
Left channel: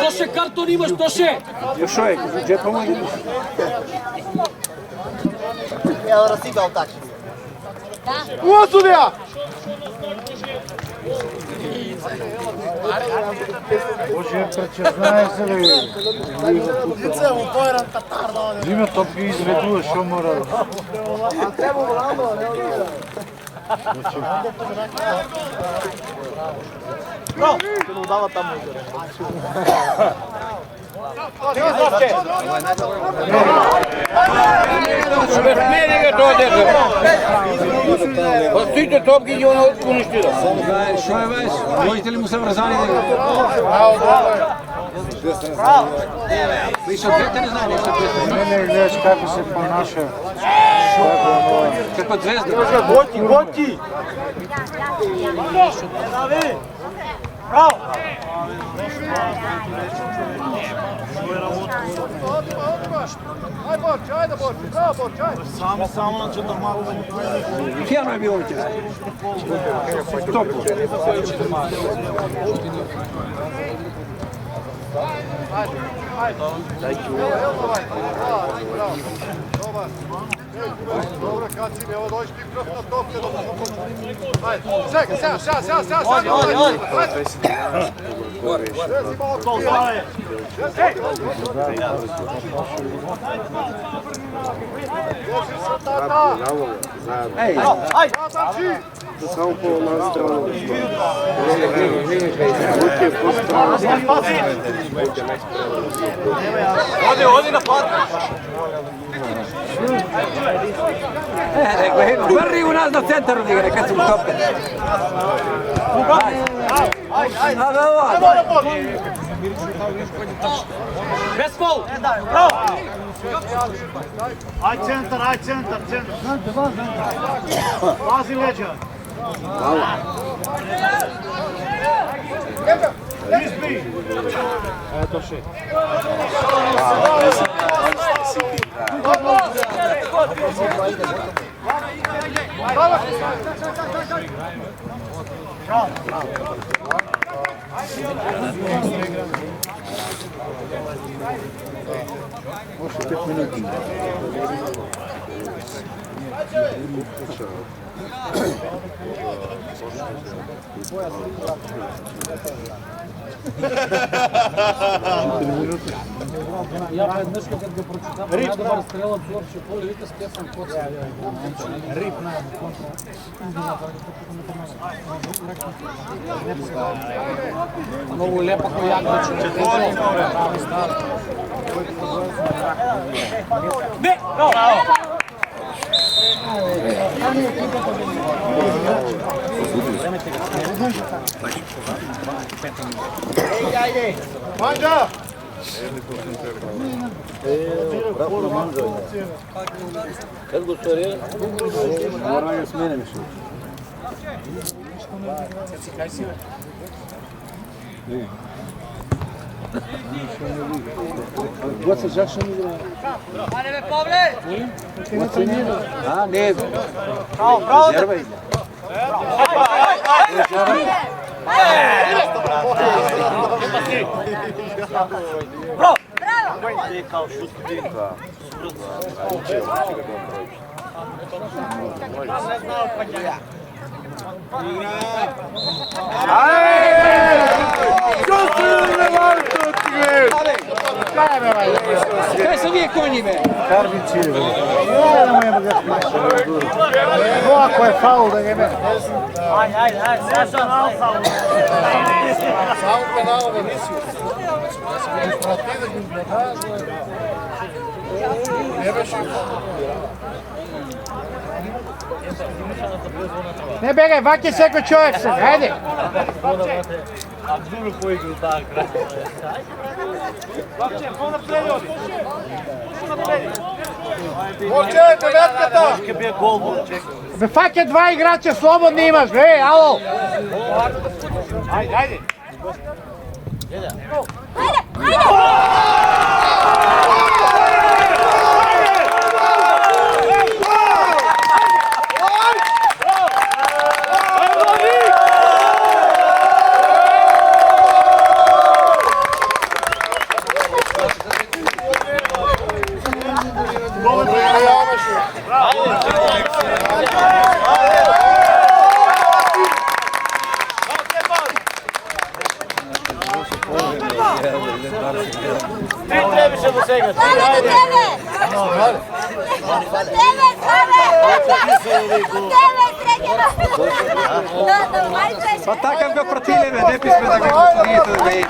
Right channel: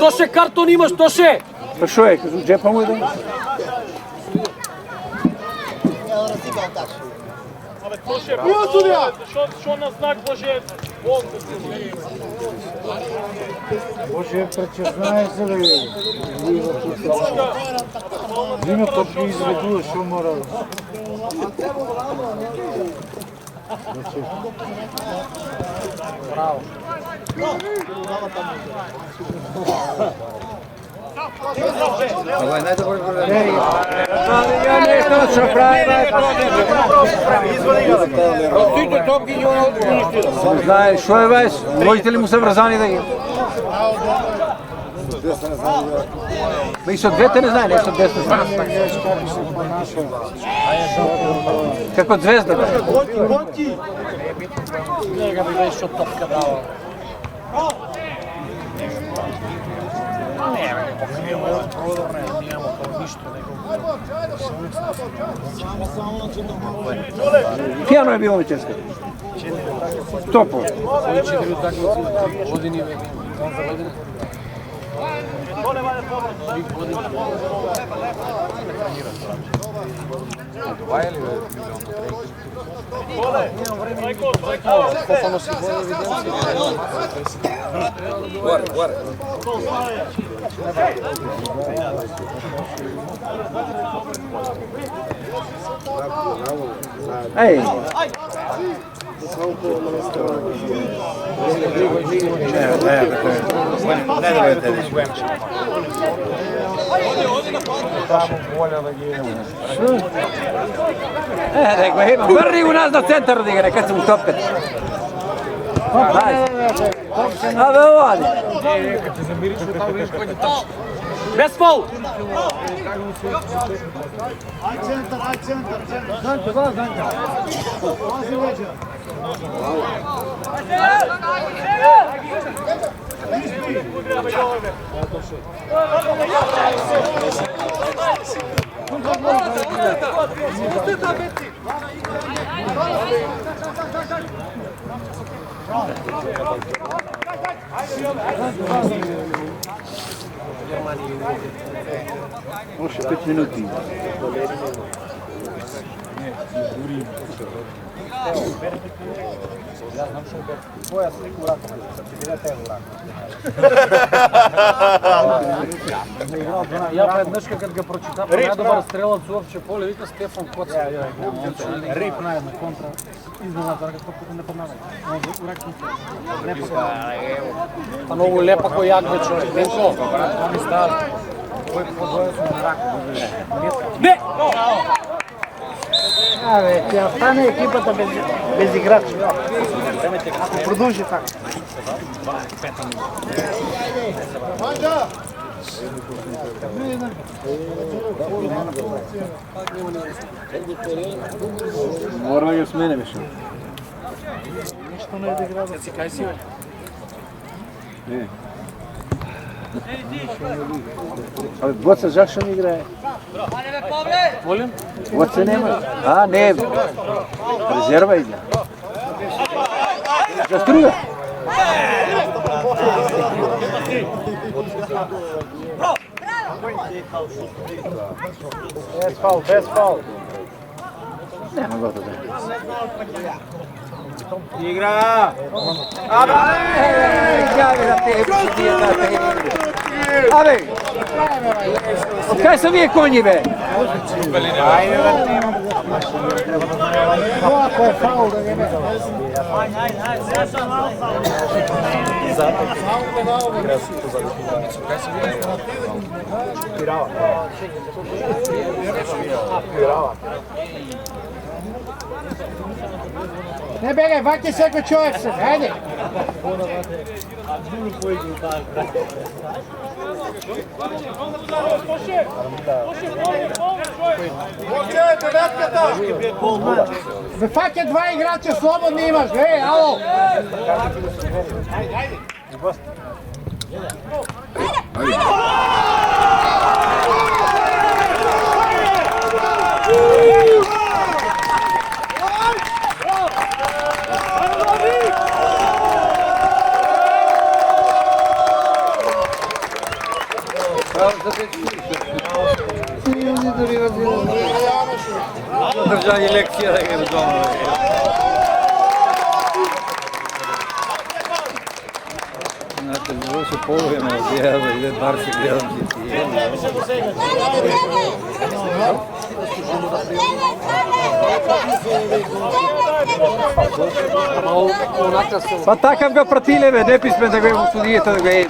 Тоше картон имаш, Тоше! Що е? Кажу, джепа му идем. Що на знак може? Боже, че знаеш ли? Взима топки и изведува, що мора. Простите топки и он унищира. Само знае, що е веш? Можете ли му се връзани да ги? Мисля, двете не знае, не са двете знае. Не гледаш как се понаша. Како звезда. Готи! Aj Borče, ajde Borče, bravo Borče, ajde! Кено е било тезка. Топо. Dobro, Kacim, evo dođi ti kroz na topu. Čekaj, Ej, rekao, vrri u nas na centar, kad su mu tope. Без фол! Aj centar, centar. Pazi leđa. Oще 5 минути. Я веднъж, като го прочитам, най-добър стрелът в Орче поле, вика Стефан Коца. Рип на контра. Измината, докато не помага. Много лепа коя че. Не! Тя стане екипата без играчи. Продължи така. Manja! Мора и смене беше. Нищо не е да игра. Не. Гоца жак ще не играе. Гоца не играе. А, не. Резерва игра. Заструя. Без фал. Игра! Абе! Кай са вие кони, бе? Но ако е фаул да не бе. Не бегай, ваки всеки човек се, хайде! Momče, devetkata! Bе, fake dva igrača slobodni imaš, alo! Pa takav ga protileve, ne pisme da ga uslugijete da ga jedi.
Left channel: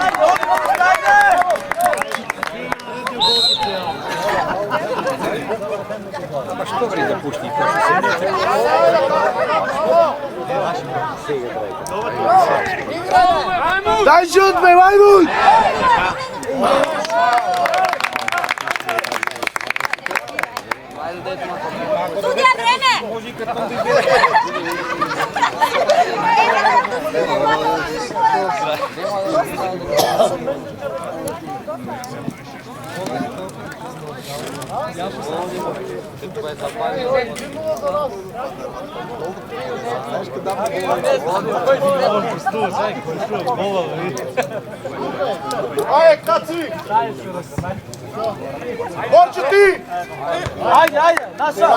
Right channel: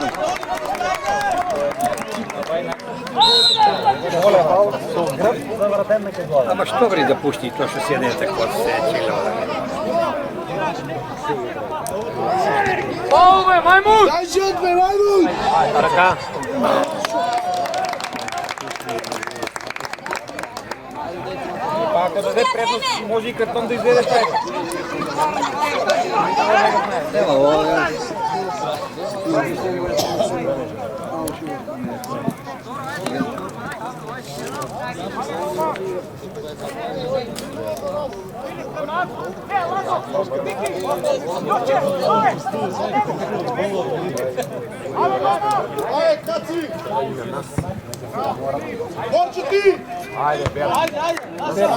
Ma što vri da pušti kao što se nije tako? Daj žutme, Majmut! Sudija, vreme! Ajde, kaci! Borče ti! Ajde, naša!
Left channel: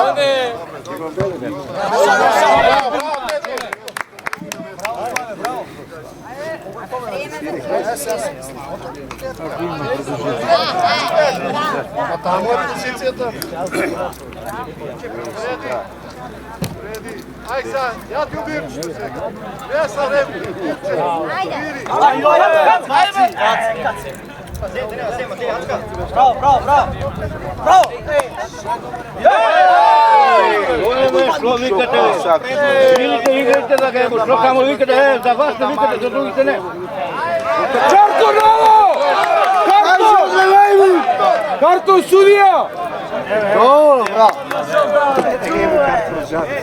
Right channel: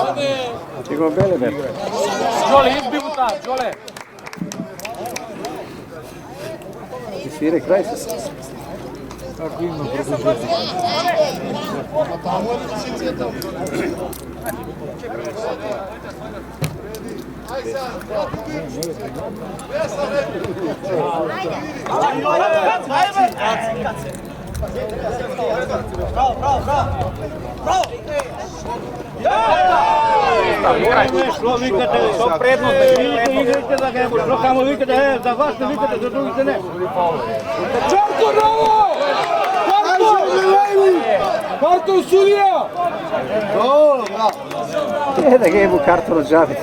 Tamo je pozicijeta. Aj sad, ja ti ubijem. Ja sad ne ubijem. Bravo! Šlo vikate, vidite igrate da ga šlo samo vikate, za vas ne vikate, za drugite ne. Čarto novo! Karton sudija! Dobro, bravo. Da ga jedu karton od žabe.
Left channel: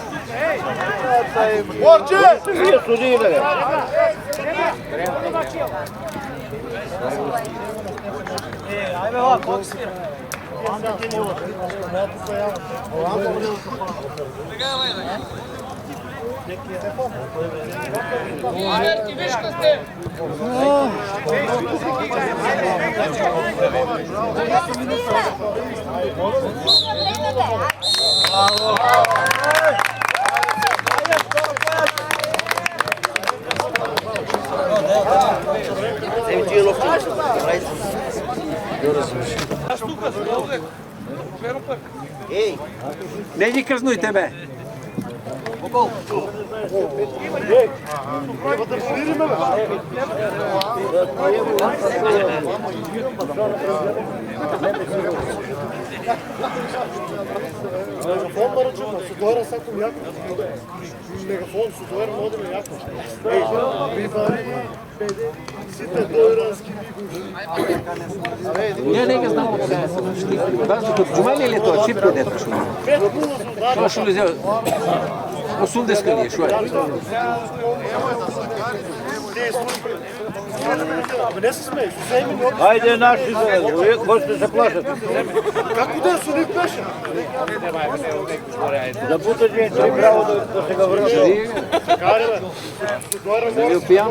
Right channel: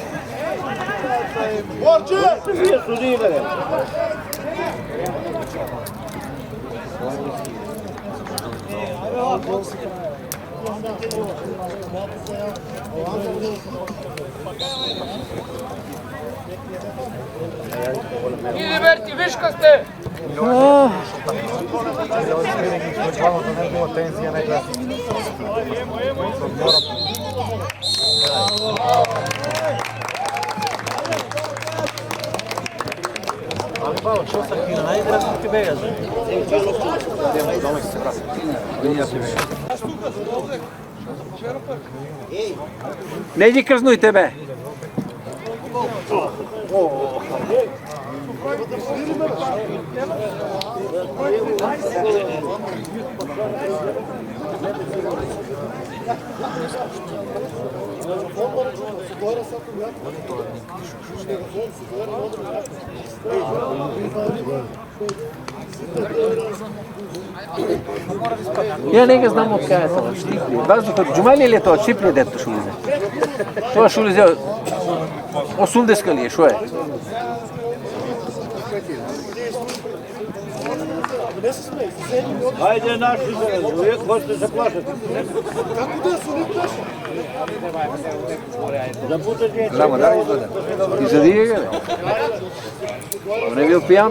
Borče! Nije sudirale. Averti, viška ste! Ne idi krznuj tebe. Ja ne ga znamo kaj sam štipljivo. Da li kod Džumali ili je to čipljivo da je to šulio? Što je šulio zelo? 80 li je, što je? Ajde naši zove, uvijek možete se plašati. Kako da su, nek plaša? Da puta djeca je pravo da se ga vrlo. Želije ga? Ne bio pijan?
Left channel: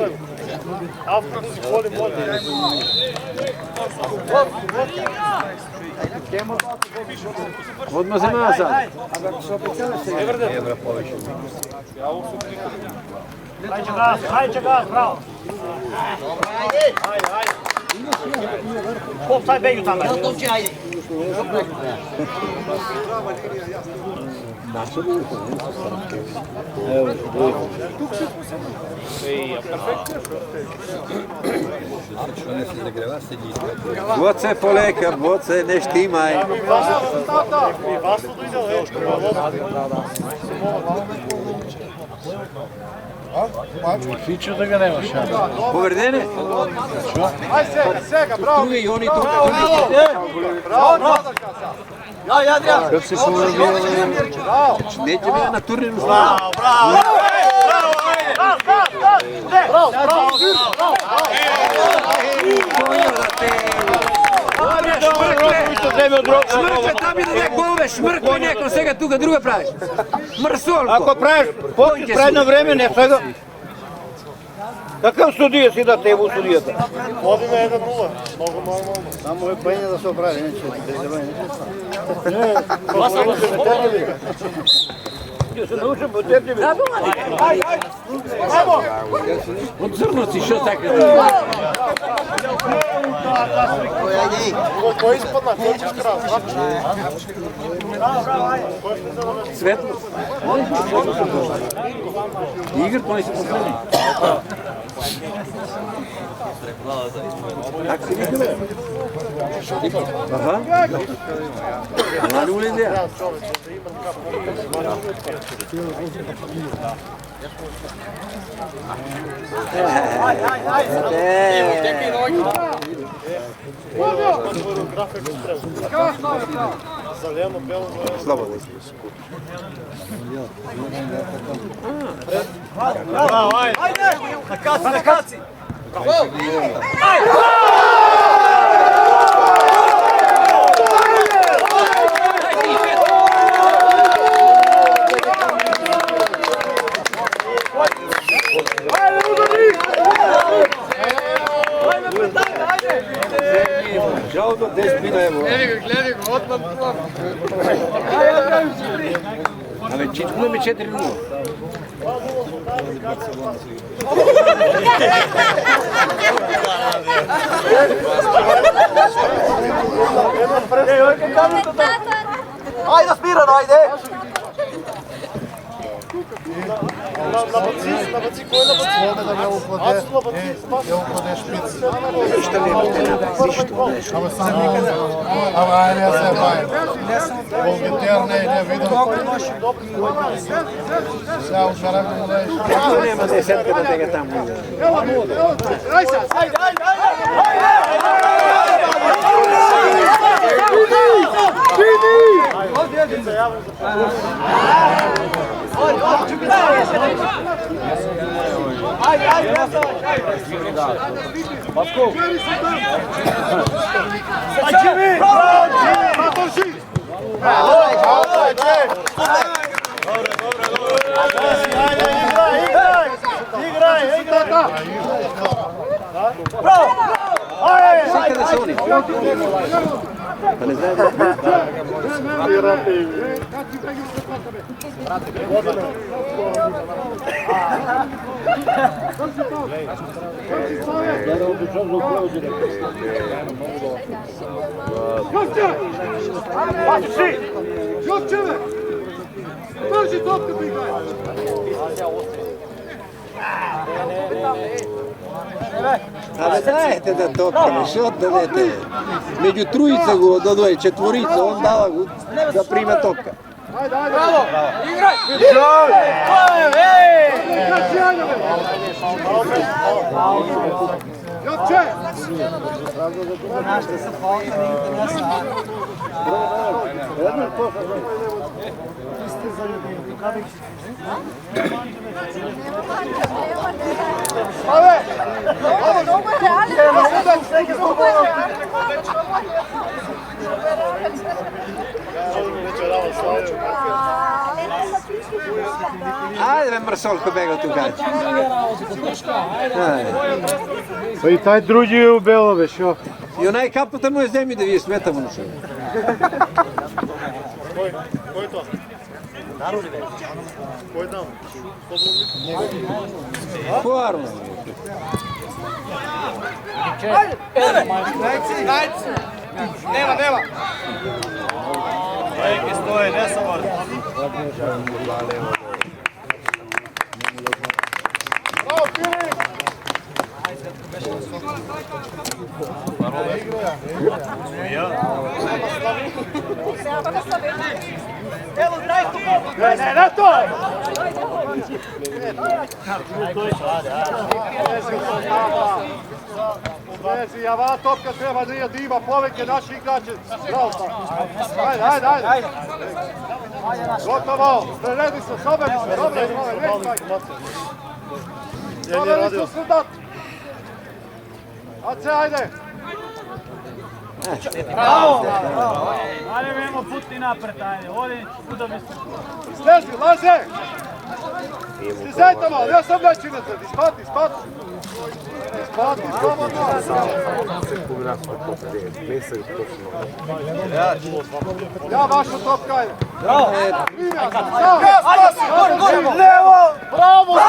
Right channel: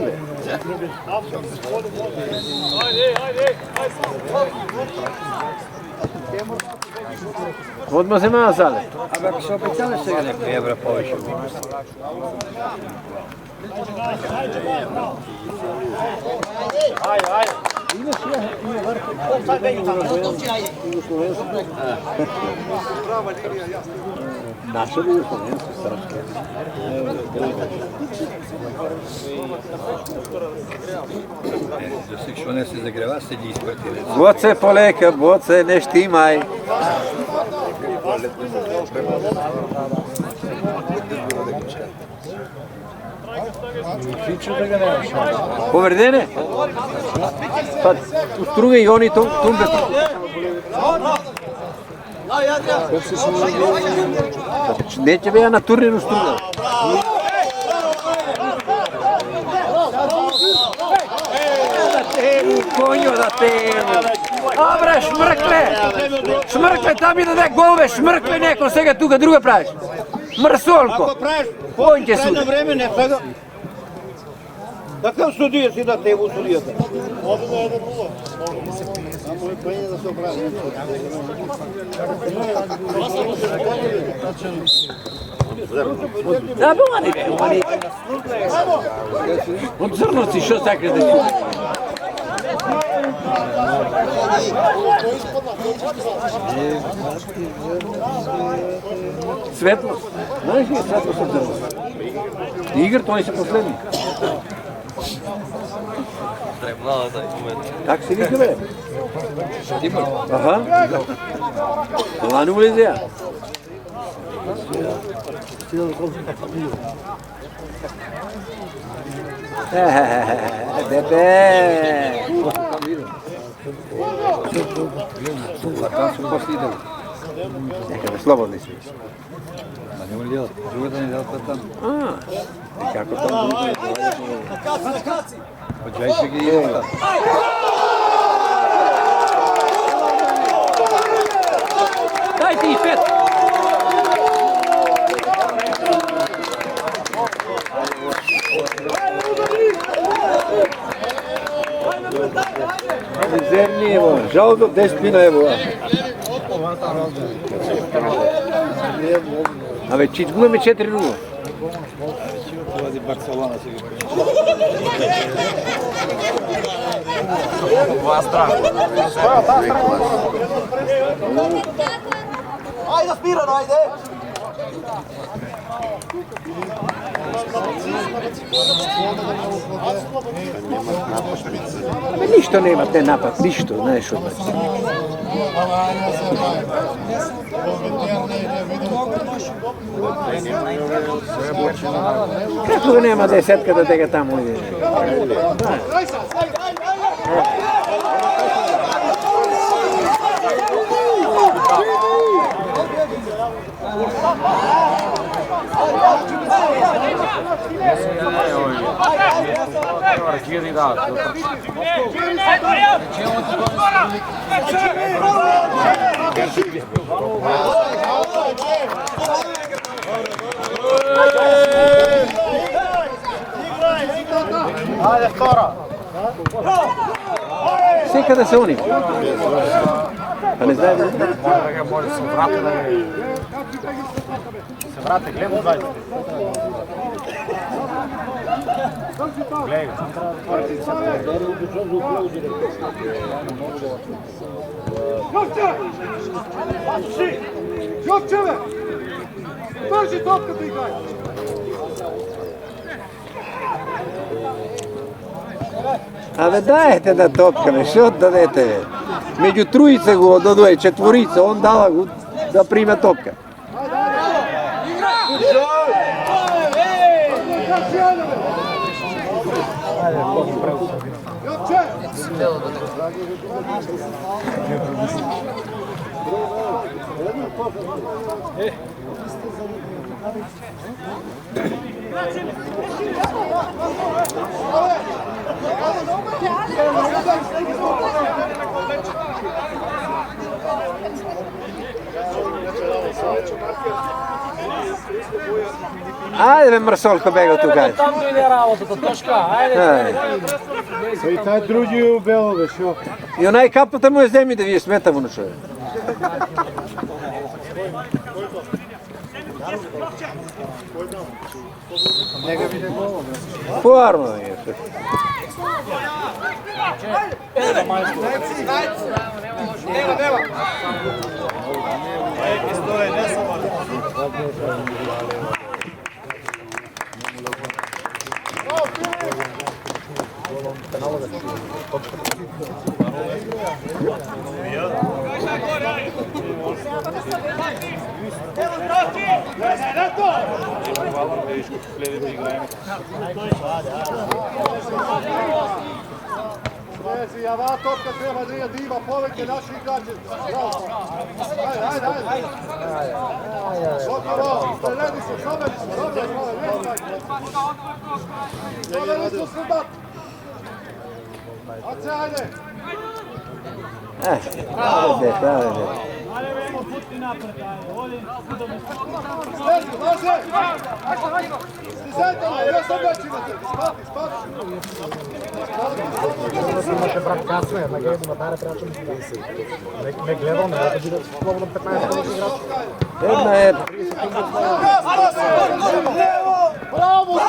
Odmah za nazad. Ajde gas, bravo. Ajde. Offside beju tamo. Ajde. Naše bi ušlo, nisu srpske. Evo, brojka. Što ne se zagreva, se diskvete. Boce poleka, boce ne štimaj. Фичо да ga nemaš. Повредене? Друга и они тумбе. Kad si se urodio... Neće bea na turnirnu stranu. Šmrkle, tam ide da golove, šmrkle nekom, svega tu ga druga praviš. Mrsolko. Ako praviš pokić predno vreme, ne svega. Kakav sudija si da te u sudijata? Vodi me 1-0. Samo je penje da se opravi. Od crnoci, što takve da... Ko ispadna, ko ćeš krati? Svetlo. Oni su svetlo su poslednji. Igr, to oni su poslednji. Kako se mi zove? Aha. Nema ne uvezi ja. Slobodno si. Ajde! Na kaci! Žao da 10 pina evo. A već bilo mi 4-0. Ajde, Smirano, ajde! Ništa nema te napad, ništa, nešto. Tu nema desetka da te ga tamo ide. Sve kada se oni. Pa ne znaju da... Jovčeve! Drži topka da igraj! Ali dajte da topkame, što da dajete? Među trojice go dodvoje, četvorica, on dala da prima topka. Ajde, ajde! Igraj! Jovče! Ajde me Mrsolko bega tu gađa. Pa i taj drugi je u Belove, šo? I onaj kapota mu je zemlji da je smetamo na čovjek. Forno je. Evo, Draki! Ne to! Vezi, a ova topka treba da ima poveke naši igrače. Bravo. Ajde. Gotovo, preledi se, soberi se, dobro je, soberi su sredat. Ace, ajde. Slezi, laže! Slizajte malo, ne sam većinete, ispati. Ja vaša topka je. Levo! Bravo!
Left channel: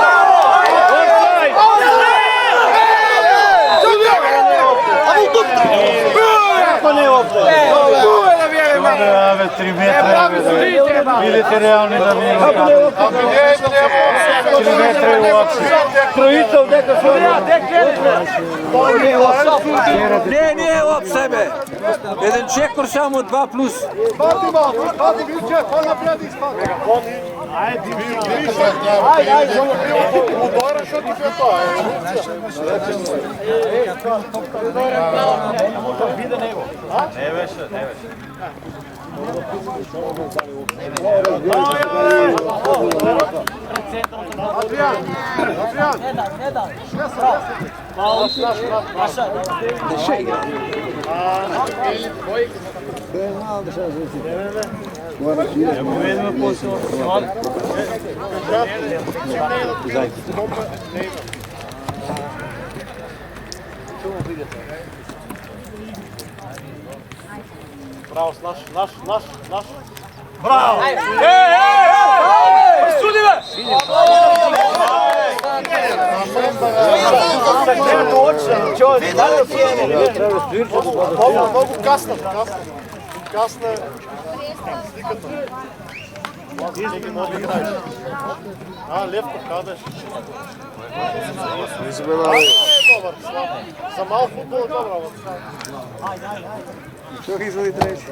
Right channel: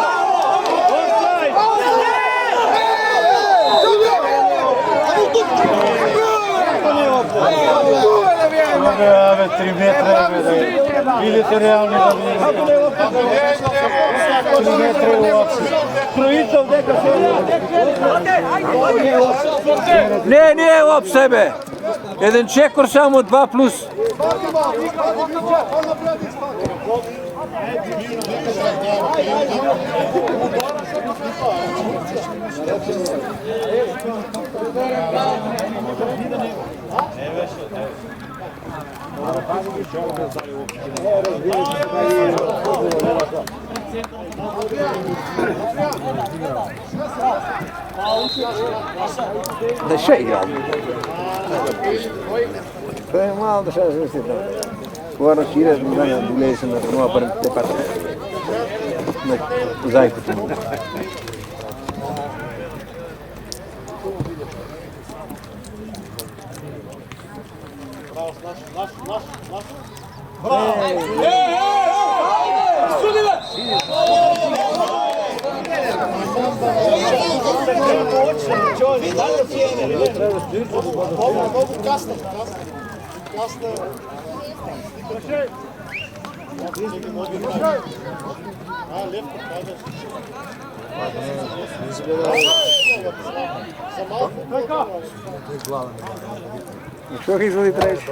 Ave, 3 metra, vidite realni da nije lokal. 3 metra je uopšte. Trojica u deka Nije op sebe. Jedan čekor samo 2+. Spati, Vilče, on napred ispati. Adrian! Deixa ir. Foi mal, deixa ir. Agora tira as mãos e isso não aparece por cá. Bravo, naš. Bravo! Sudi me! Mogu kasno. A, levko kradeš. Za malo futbol dobro. Što ih izvoli treći?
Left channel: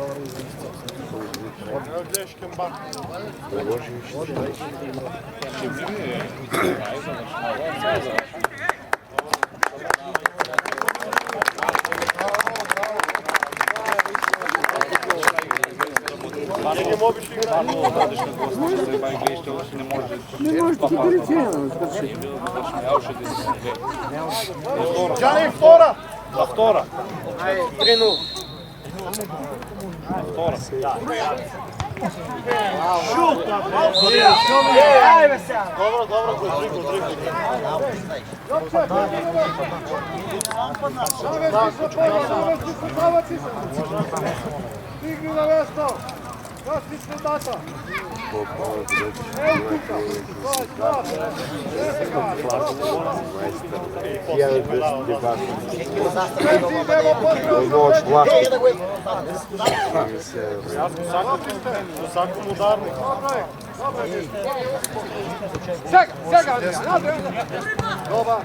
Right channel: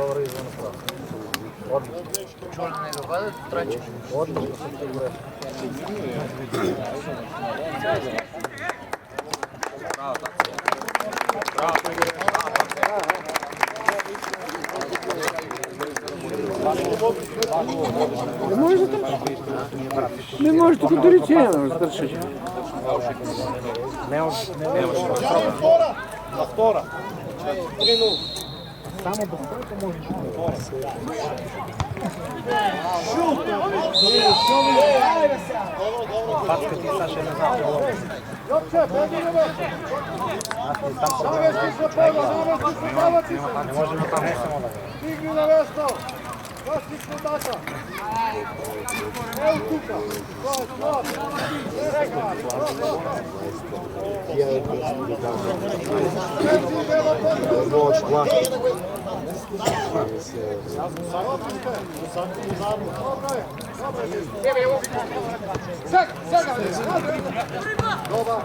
Ne možete ti biti cijelo, strši. Gianni, fora! La vtora. 3-0. Šut! Dobro. Jopče, navesti se pola, zavaci se. Stigni na mesto. Gasti se data. Evo tuka. To je stvar. Sreci, idemo potrebno. Dobro je. Sega. Dobar.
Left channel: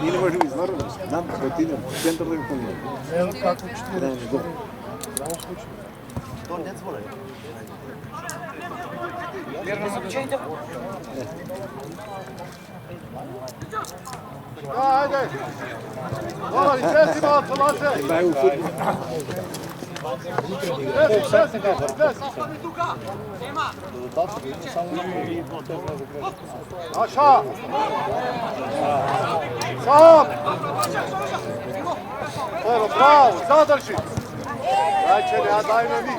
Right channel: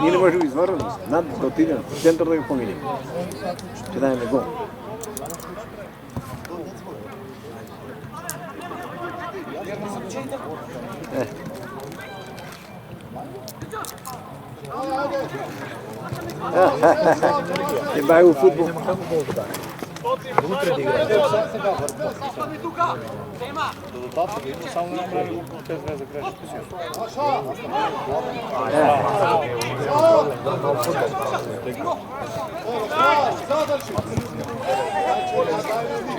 Nije ne može izvoriti, nam gotinjam, centar da ih pominjem. Kada je nego. Ajde. Dobar, sreci malo, Tomaše. Daju u futbol. Aša! Sam! Evo, prav, zadrži! Dajče, ja daj me vi.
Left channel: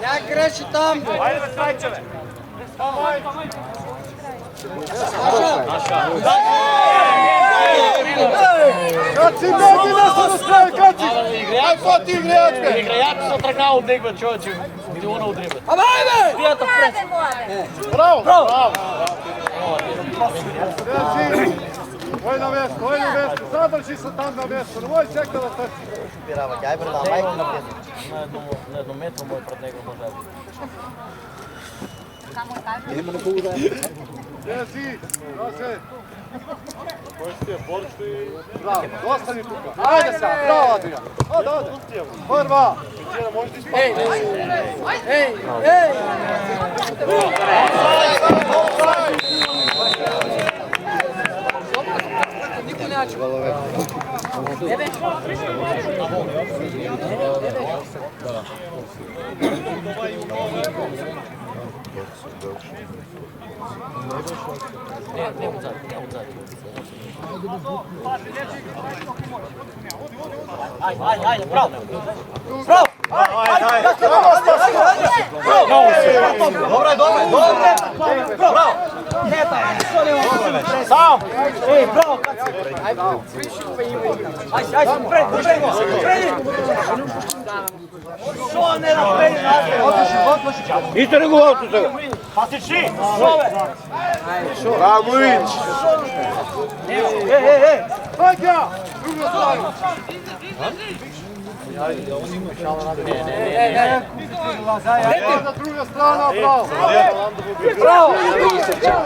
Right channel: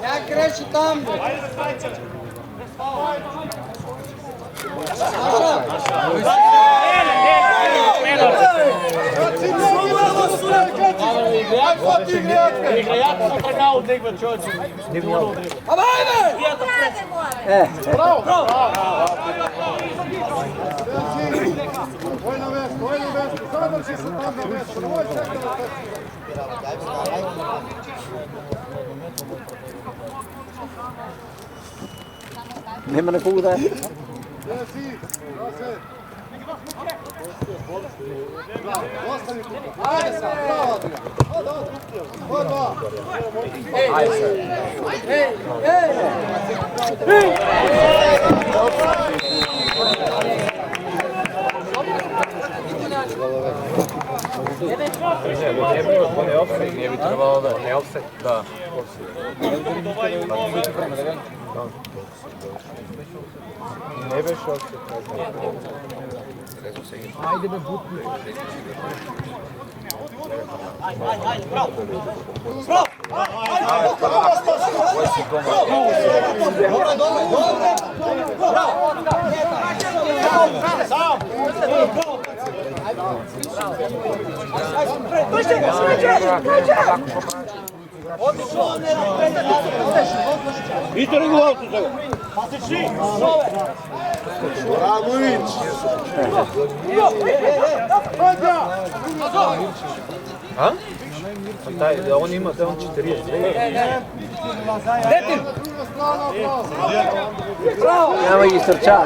Ne kreći tam! Kaci, Ajko ti vrijedke! Играят се тръгна от него, човече. Не го да отреба. Bravo! Sreci! Oj na mjesto, zadrži se tam na mjesto, nemoj čekati da trči. Nema na kogu daje. Sreci, da se, Bravo, ostani tu. Ajde sad, bravo Adrian. Ode. Prva. Ramović! Hajde! On ima Druga strana, bravo! Evo i srča.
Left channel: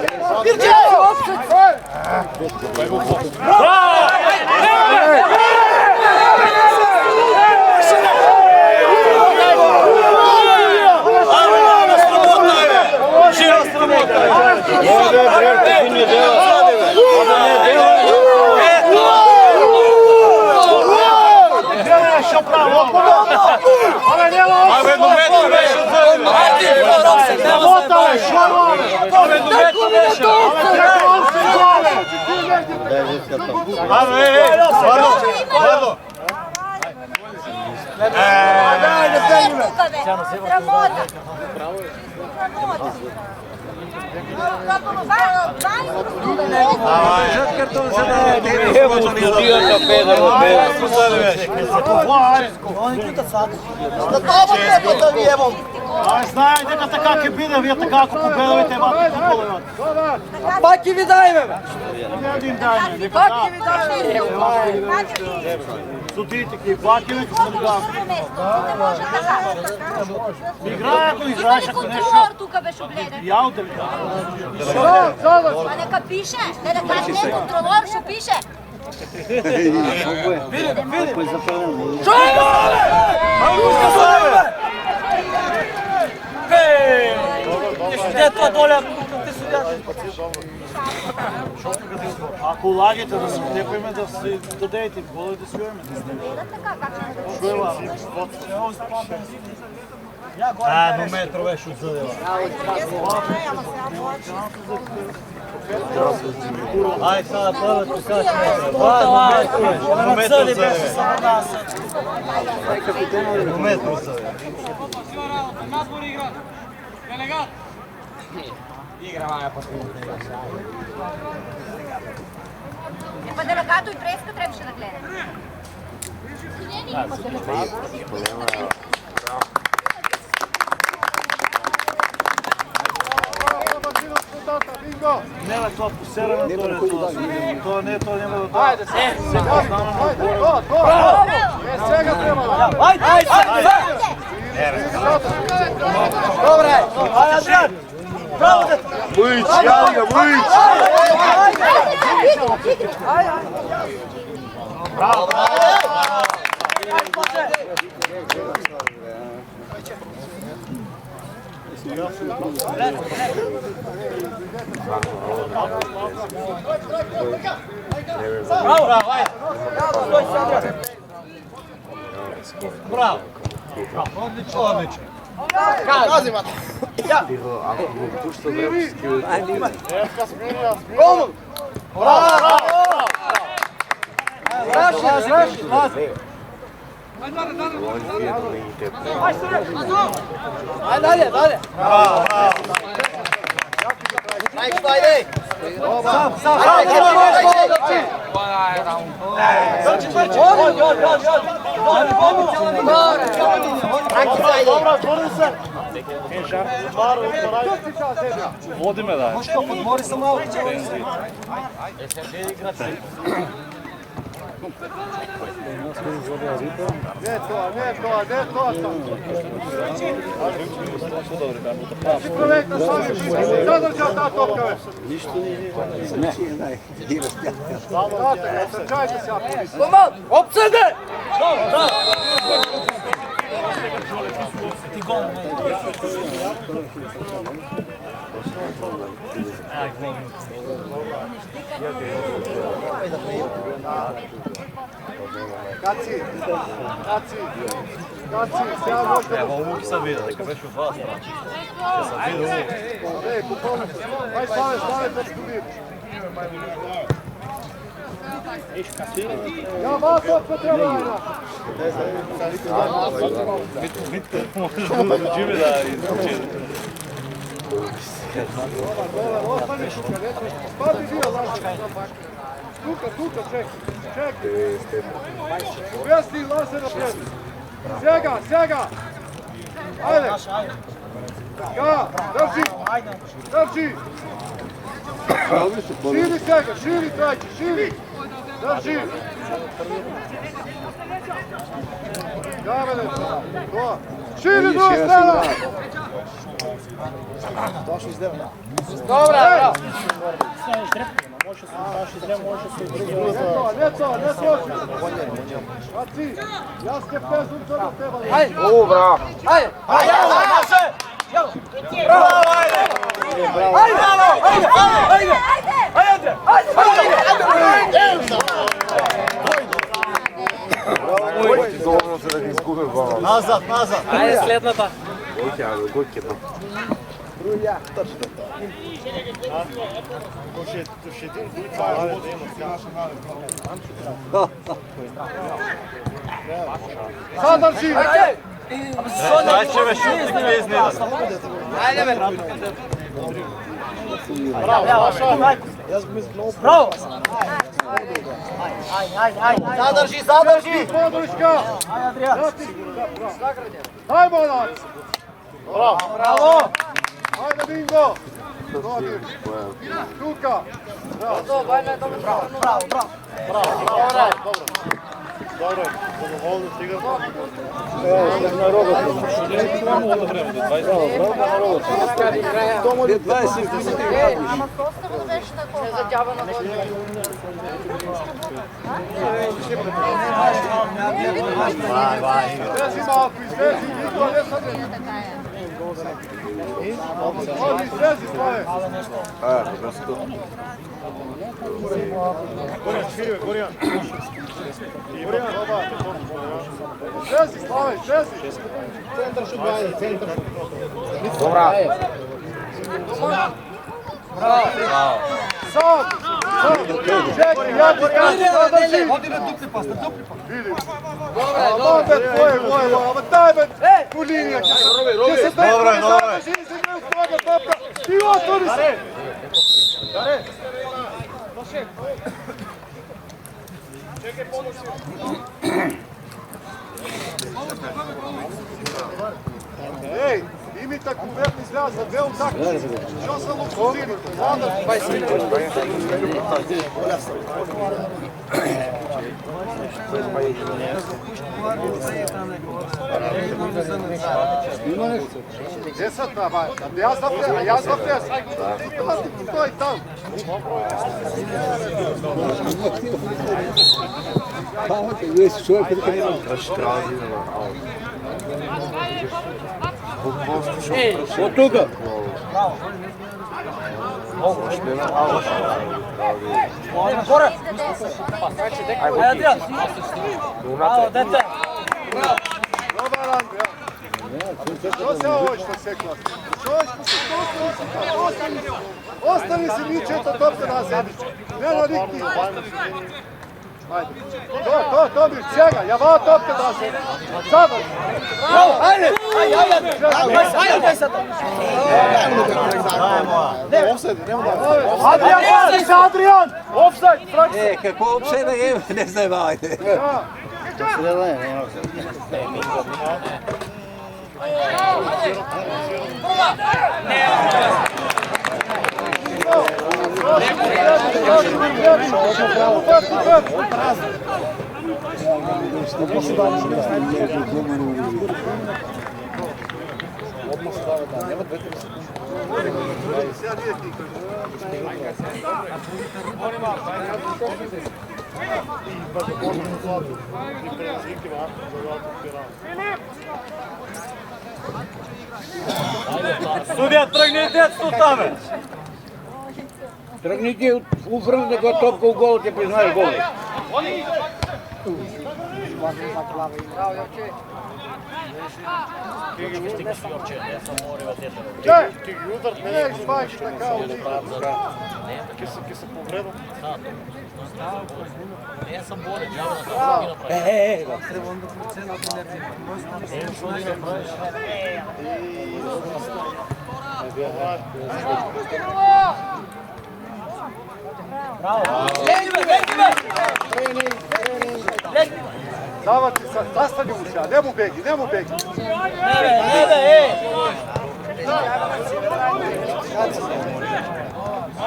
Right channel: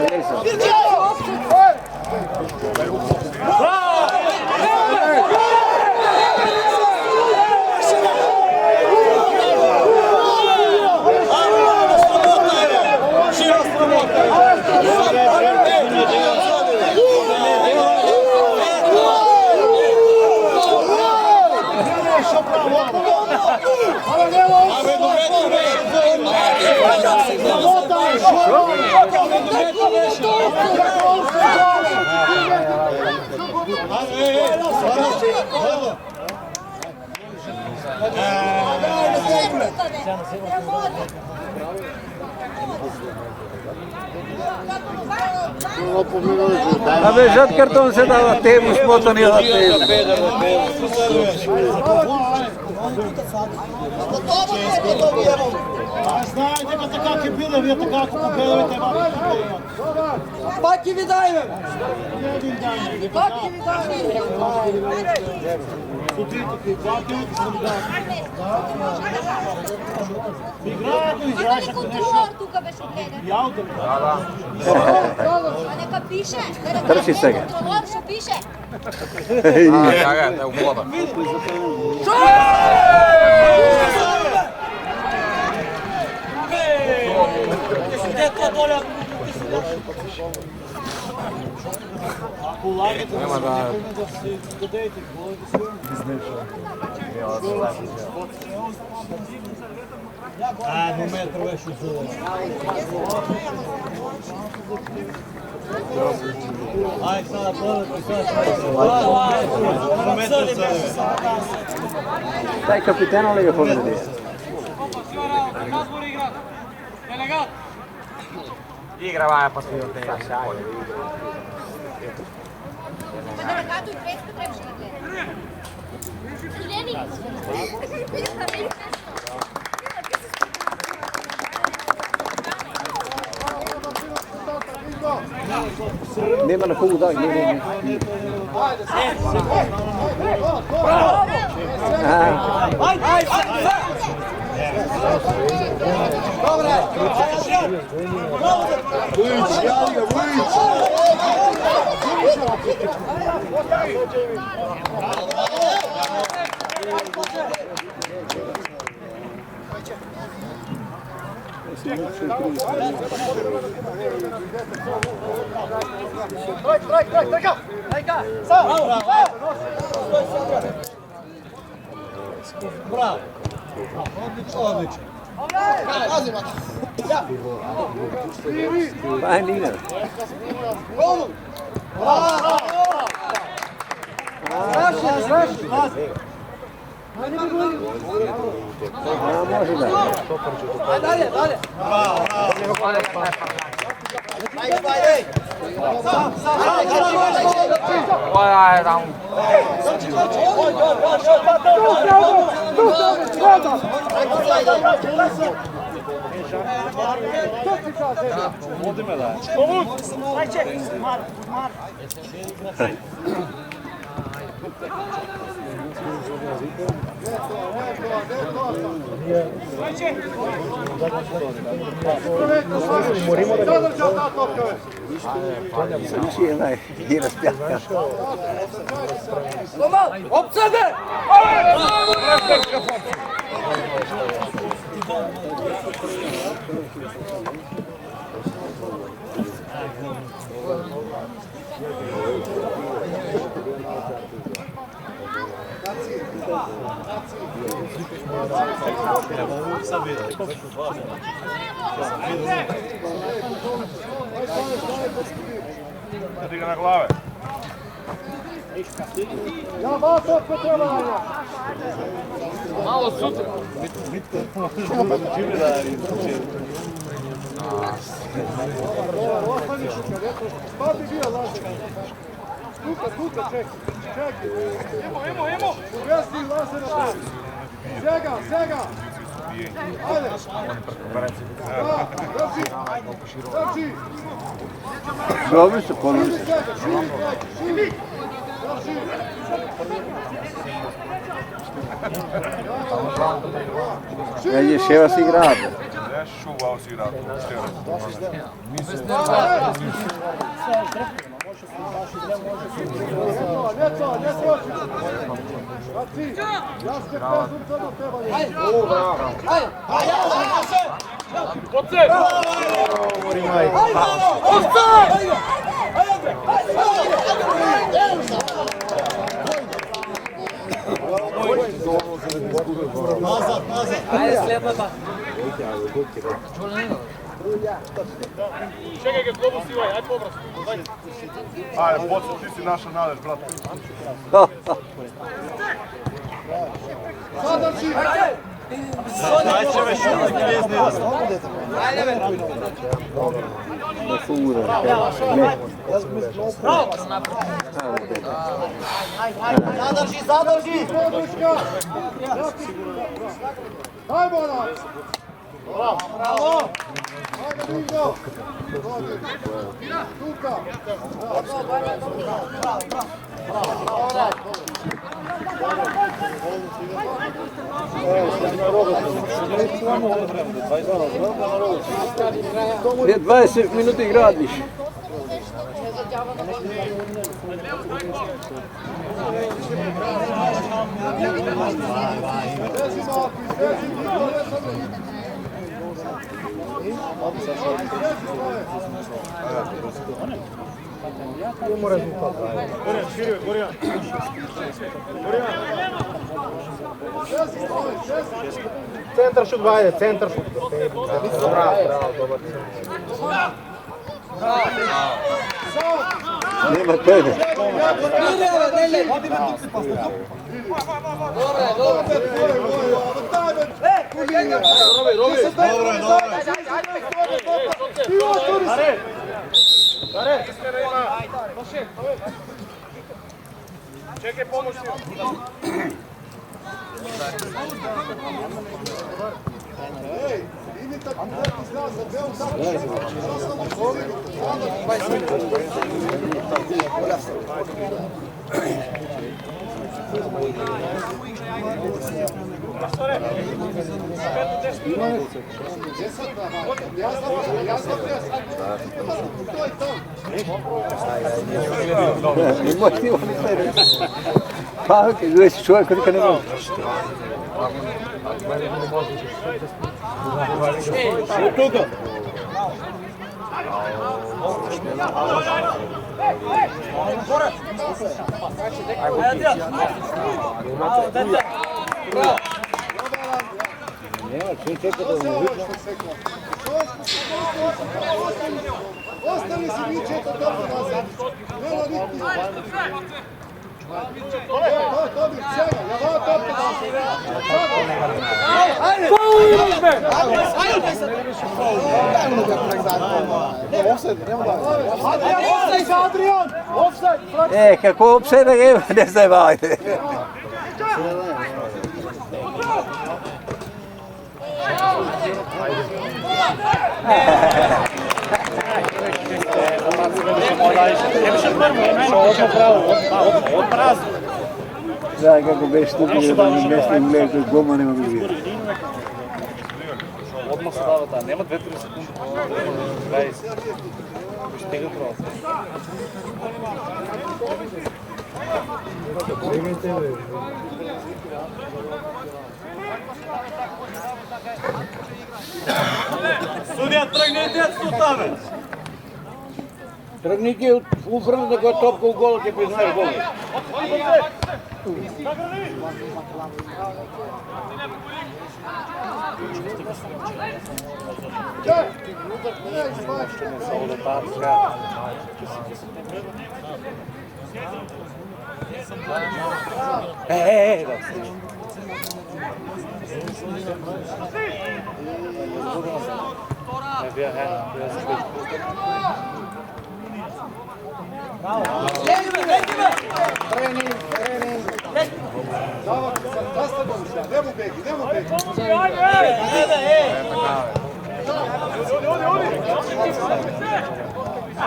Žad karton se dava tebi smotani od Знаете, это как и было, это как победите вас. Паки ви дајме. Един ден, не Смотрите, какви платилите са дадени. Играят, играеш, ако нещо. Тука беше огледан. Яуте ли? А нека пише. Не да кажеш контролор, ще пише. Где това доля? Ако лагите да се nekojme da se dodajete, volite da se čujemo. No metro veš uzeli. Aj sada prodati sad no metro uzeli. Nazbor igra. Delegat. Pa delegatu i preska trebаше да гледа. Nema na koju daj. Ajde sad! Ajde, go! Dobre, aj Adrian. Bravo. Vujić, javi ga, Vujić! Bravo. Odlično, odlično. Vodi me da. Ne to sam. Si projekta sami, zadržao ta topka već. Znači je najvidjela spjaka. Trčajte se ako nisi. Opsede! Kaci, sjajno Ej, pukovnik, aj stane, točku mir. Ja, vas opet treba najna. Dobar, ostani šuka, spadi bio Lazer. Tuka, čekaj. Uvesti Lazer napred. Sjega. Ajde. Drži. Širi svega, širi trajke, širi. Drži. Širi druga strana. Ne troši. Kaci, ja ste pezumca do teba. O, bravo. Nazad. Ajde, следната. Čekaj ga, globu si ovaj, aj pomraz. Sadrži. Zadrži. Podrška. Daj bonac. Bravo. Ajde bingo. Tuka. Gdje 20 minuti gradiš? Izvezi Marko, izvezi, niko ne sam ne. Izvezi svoje. Gorjan. Izvezi svoje, izvezi. Centar šut, ajde, centar šut. Nema tebe. Čekaj, pomoć Ej, imi tako verni zraz za dve utakmice. Što sam opozirite? Gdje sad na ja sam pres. To je tam. Imaš ti ovo ne reći. Pa, gdje si čovjek kad ne ima. Od toga. Ostani si niče to dobro na sebi. Ne navikni. To bi sjega, ja va topke da se. Sada. Adrian! Offside! Kako offside je, ne znaj vajde. Да, kako беше стъпил местни между дома не го види. Odmah se dava da, nema 2-3 sekunde. 20. Судия, тръгнете от там! Тръгните уврън да го топка в гола, те признаеш гола. Не избавиш така. Дават ти са, траста го сега, не му беги, не му беги.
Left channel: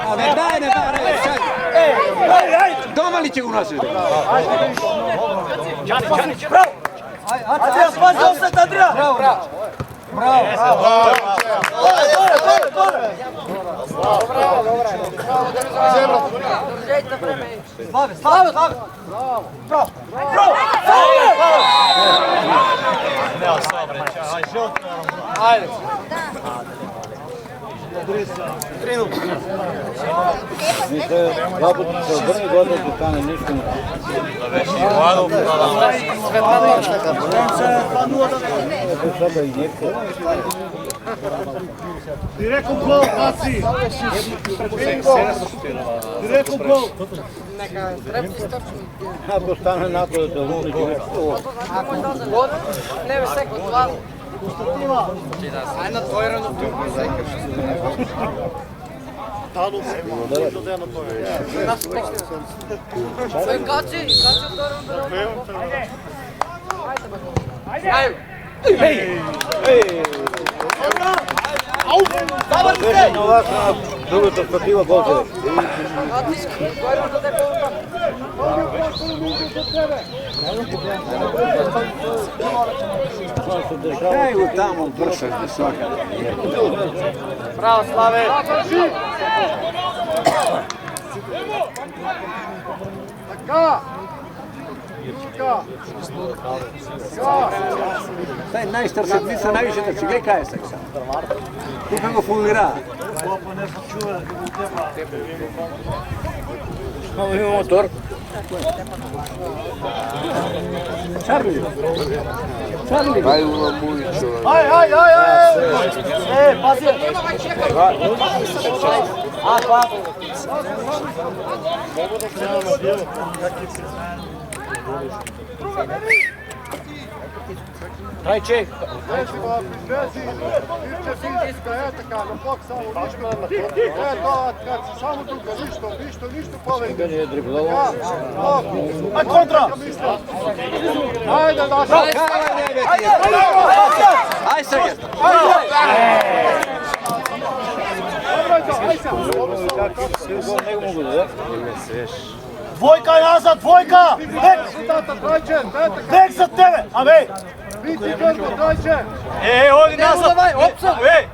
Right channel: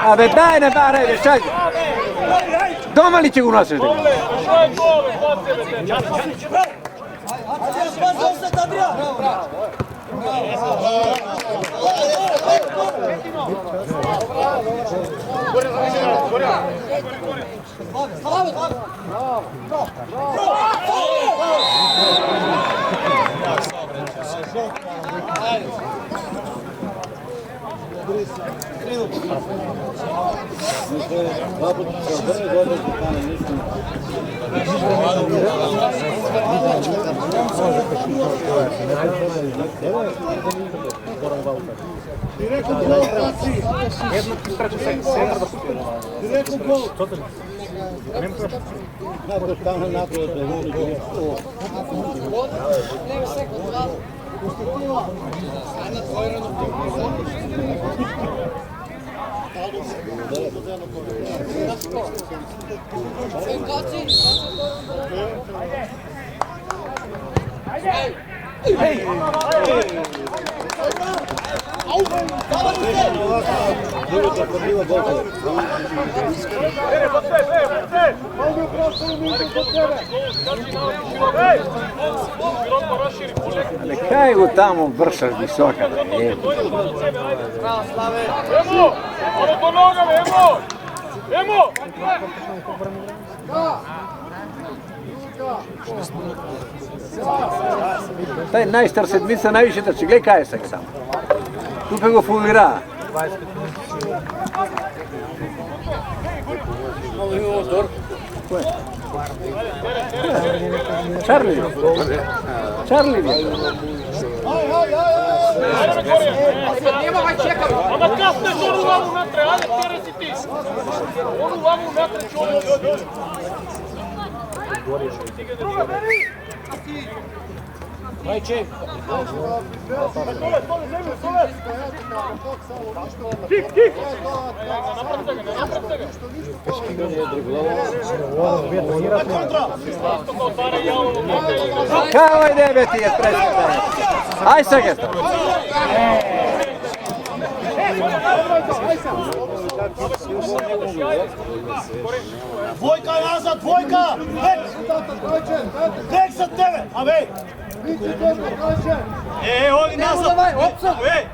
Абе, дай не барай, чакай! Дома ли ти го носиш? Адриан, пази офсет, Адриан! Браво! Директно гол, паси! Директно гол! Ако стане напред, да го Леве секунд, два. Една двойна. Качи, другата пътива болка. Кай го там обвършаш високо. Браво, Славе! Така! Рука! Taj najstar sedmica najviše da će gleda je seksa. Kupe go fulira. Malo imamo motor. Charlie. Charlie. Aj, aj, aj, aj! Pazi, nema, vai, čekam! Дай чек! Znači, ba, izvezi, fizička, така, на бок само нищо. Това, само нищо повече. На контра! Ajde, Dašo! Kao je nebeti ga pravi. Aj sad. Двойка назад, двойка! Бек за тебе! Абе! Biti Grbo, dođe! Оди назад! Давай, опцо! Ей!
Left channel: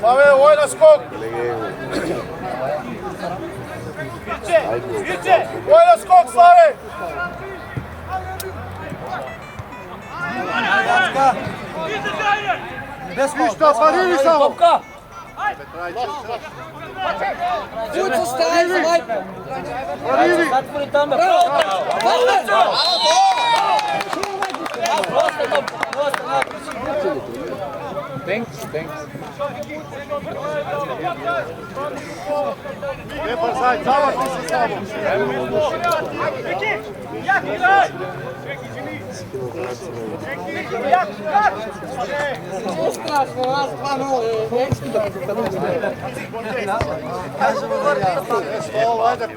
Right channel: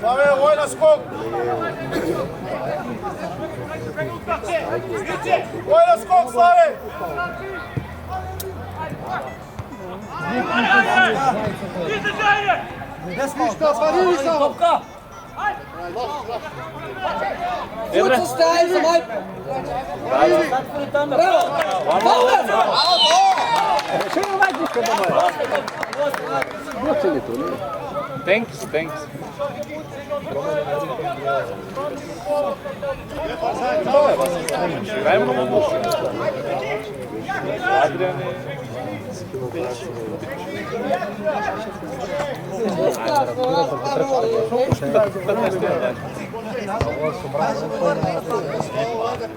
Славе, война скок! Война скок, Славе! Ništa, pa nini samo! Fuca staj za Majka! Bravo! Pauler! Što je ovaj disko da mora?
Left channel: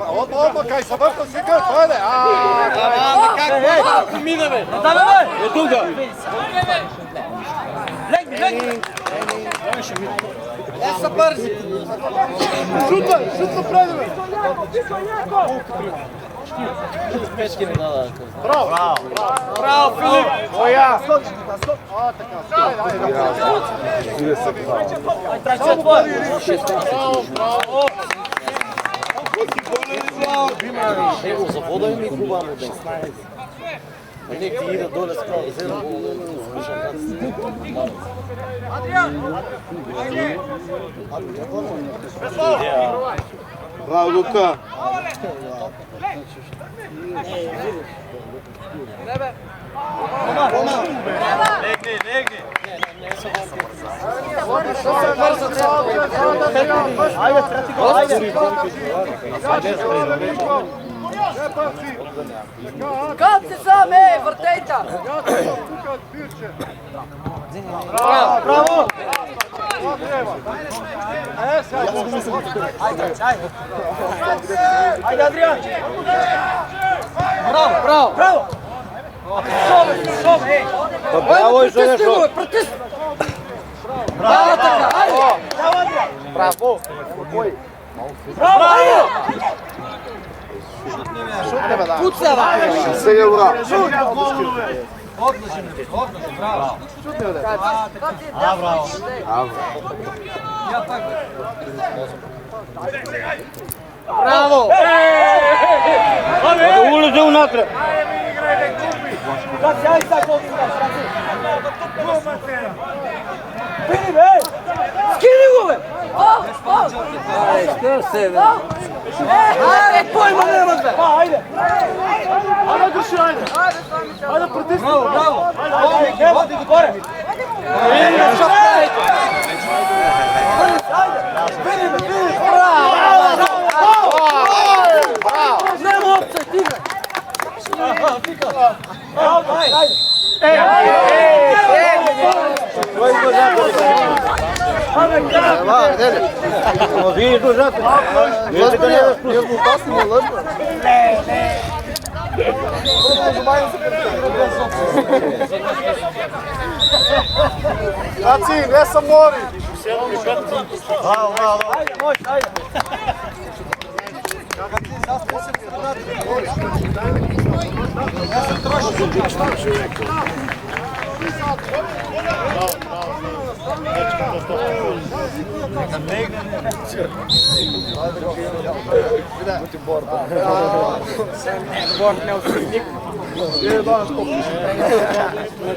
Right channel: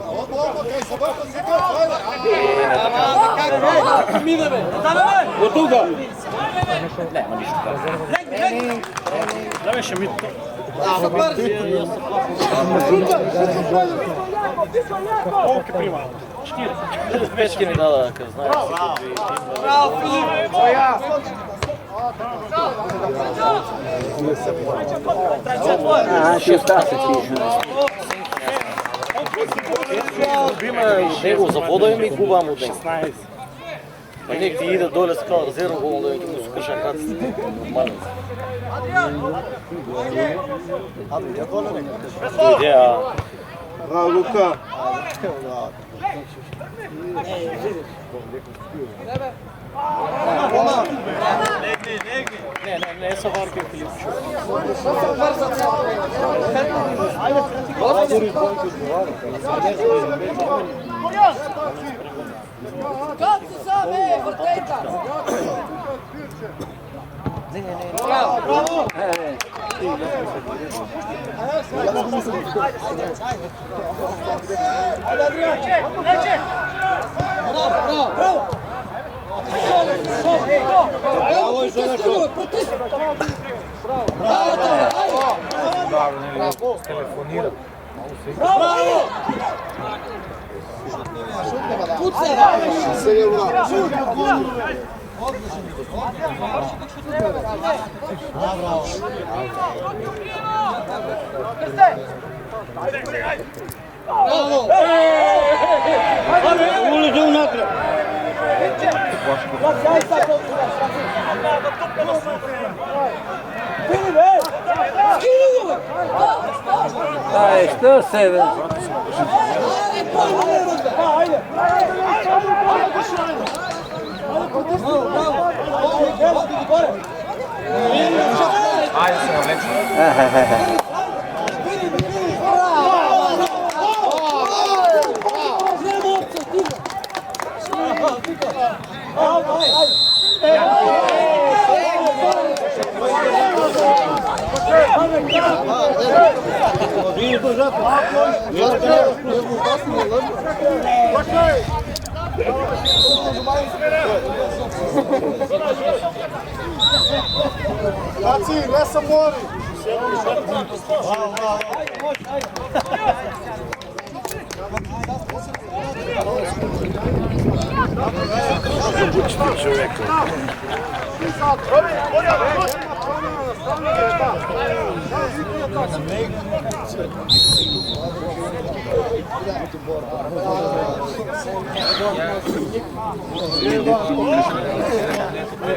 Odmah, kaj se vrlo si kaj, ajde. Od tuga. За вода ми губам от 16. Nek ti ide dole skoro, zelo skušam Bravo, Luka. Kam si sam, vrtejta! Bravo! Ajde, Adrian! Bravo! Bravo i žele što. Bravo! Pucava! Se je ura. Bravo! Ulaze unatrag. Skini gole! Što se ve? Pojma nemate! Ajde! Ajde, duši, ajde! Ajde, pritisni! Bravo! Evo, ti gore! Nemo opce, stiga! Vi dužate. Jel da ne raspustimo? Znači, ne sam mori!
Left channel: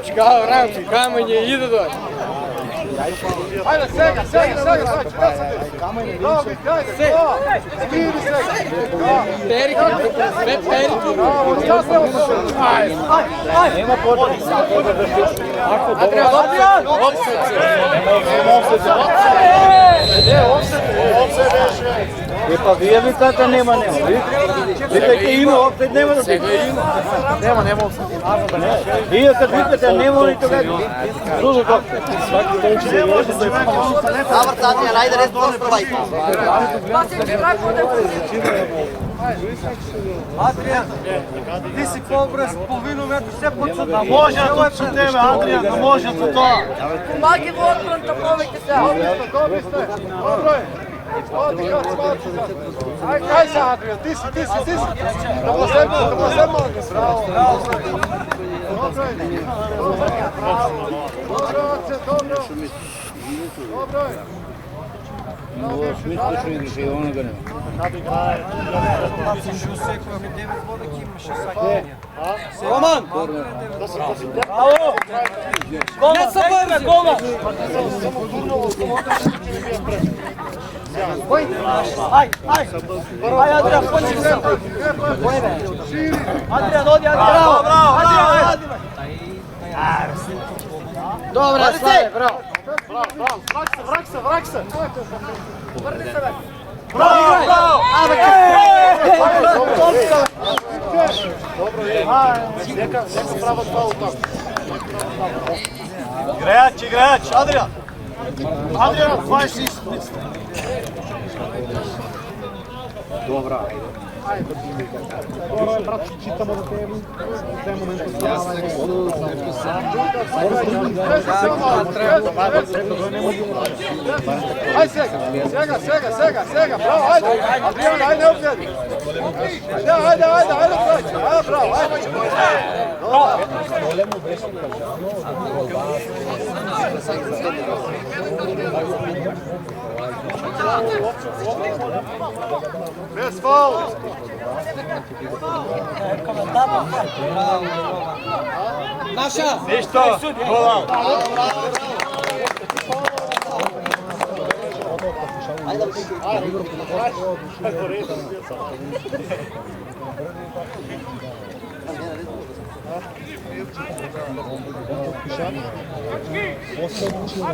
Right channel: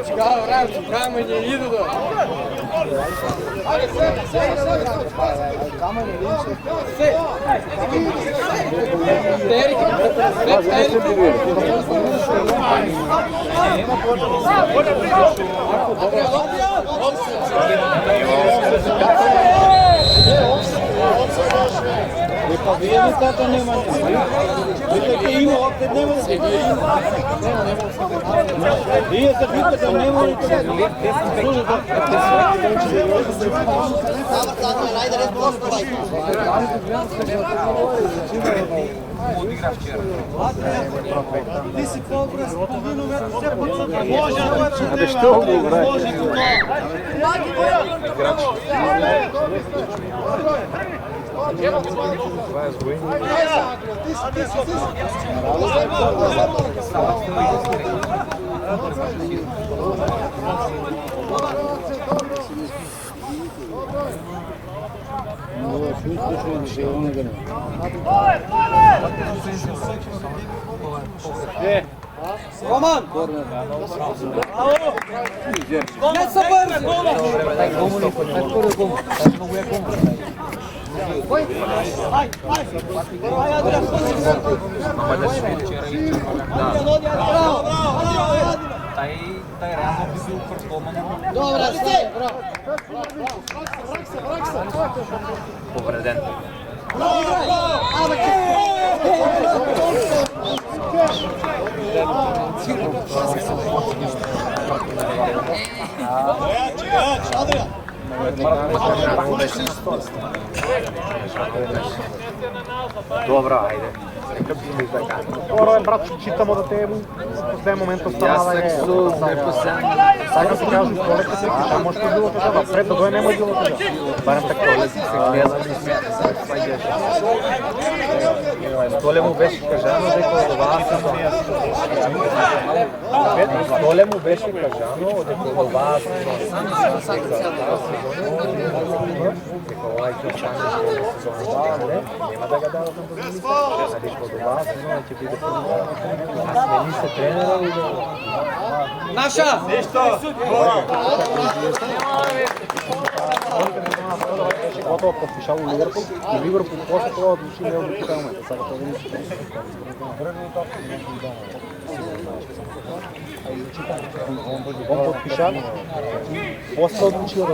Čekao, Ramči, kamenje, ide do. Ajde, sedi, kamenje, Pa vi vikate nema. Vikajte ima, opet nema da se nema. Nije kad vikate nema, oni to vedu. Služe to. Zavrtanje, najde res postovaj. Ti si pobraz, polовину метра, все подсъдна. Може да точно тебе, Адриан, може до това. Млади воен, да пробвайте се! Добре сте, добре. Aj sa, Adrian, ti si. Dobro se mogu. Roman! Ne sa brzi! Aj, Adrian, pođi se! Adrian, odi, Adrian! Bravo! Dobra, Slave, bravo. Vrak se. Igrač, Adrian. Adrian, 26. Dobro, ajde. Brat, čitamo do tebe, v tem momentu stava je. Sega, bravo, ajde. Ajde, Tole mu беше Tole mu беше кажано, дека това Наша! После отличил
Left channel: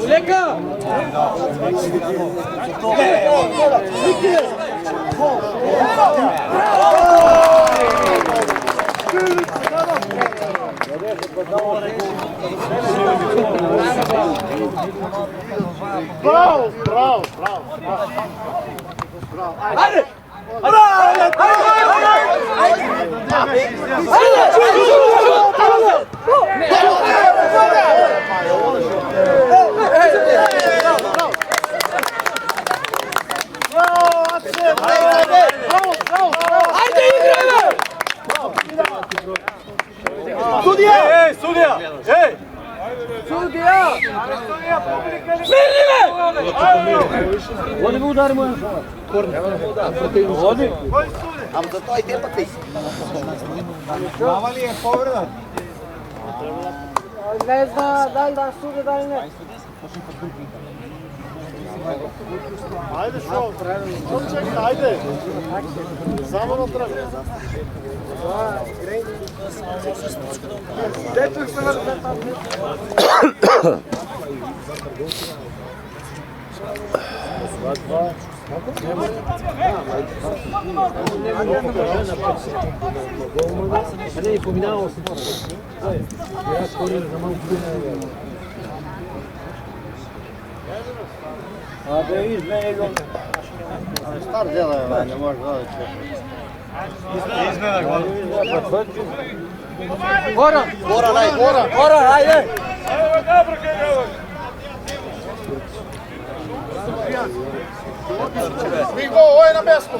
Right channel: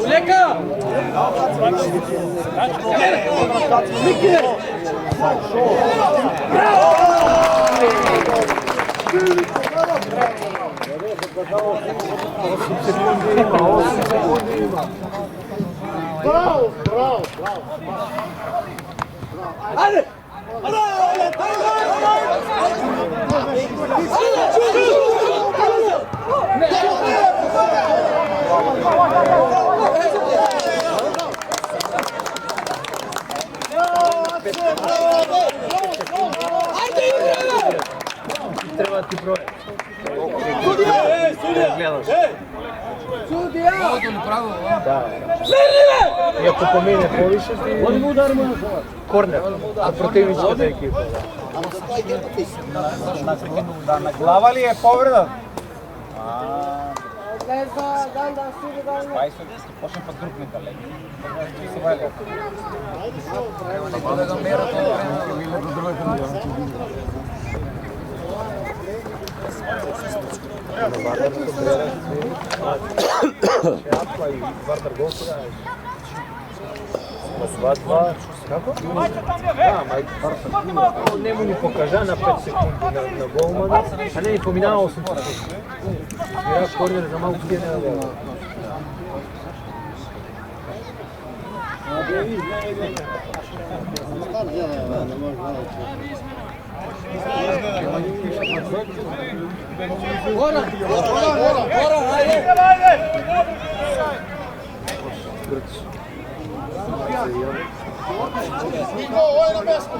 Лека! Bravo! Ajde! Oni mu udarimo na korner, a protivnička za ekipu. Glava li je povreda? Ne zna da li da sude, da li ne. Ajde, šao, ajde. Samo na trag. A ne, pominjao sam. Ja korim za malo prijena. A da vidiš, Star djela, ne može gledati. Goran, ajde! Niko, ovo je na mjestu.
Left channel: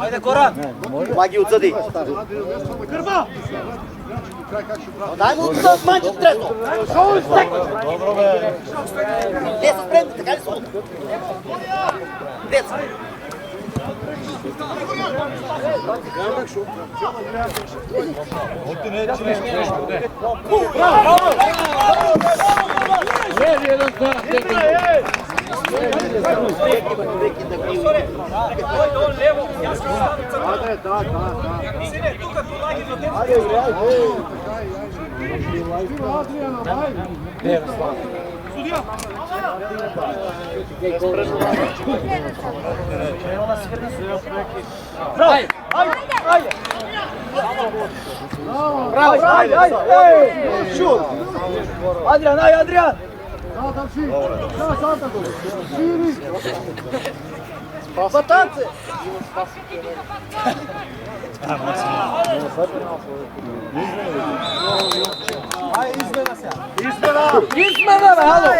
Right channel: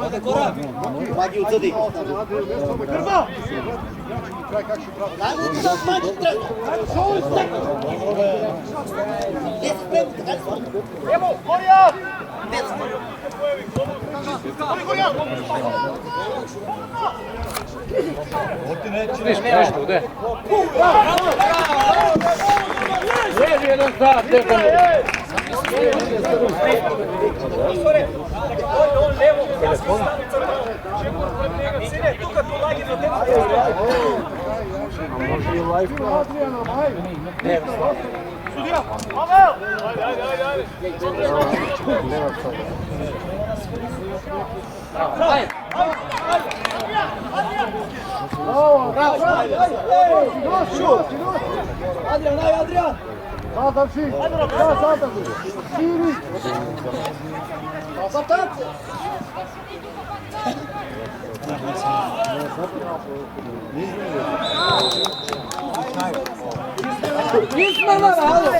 Ajde, Goran! Маги отсъди. Grba! Дай го от мача трето. Те са спреми, така ли са? Evo, Gorija! Те са. Levi jedan znak, Stefano! Dojde on levo, ja sam stanu crveno. Sine, tu kad ulagi do tebe. Adriano, vai! Sudija, Pavel! Adrian, aj, Adrian! Salta si! Ja, salta tu! Siri! Батанце! Izmena, halo!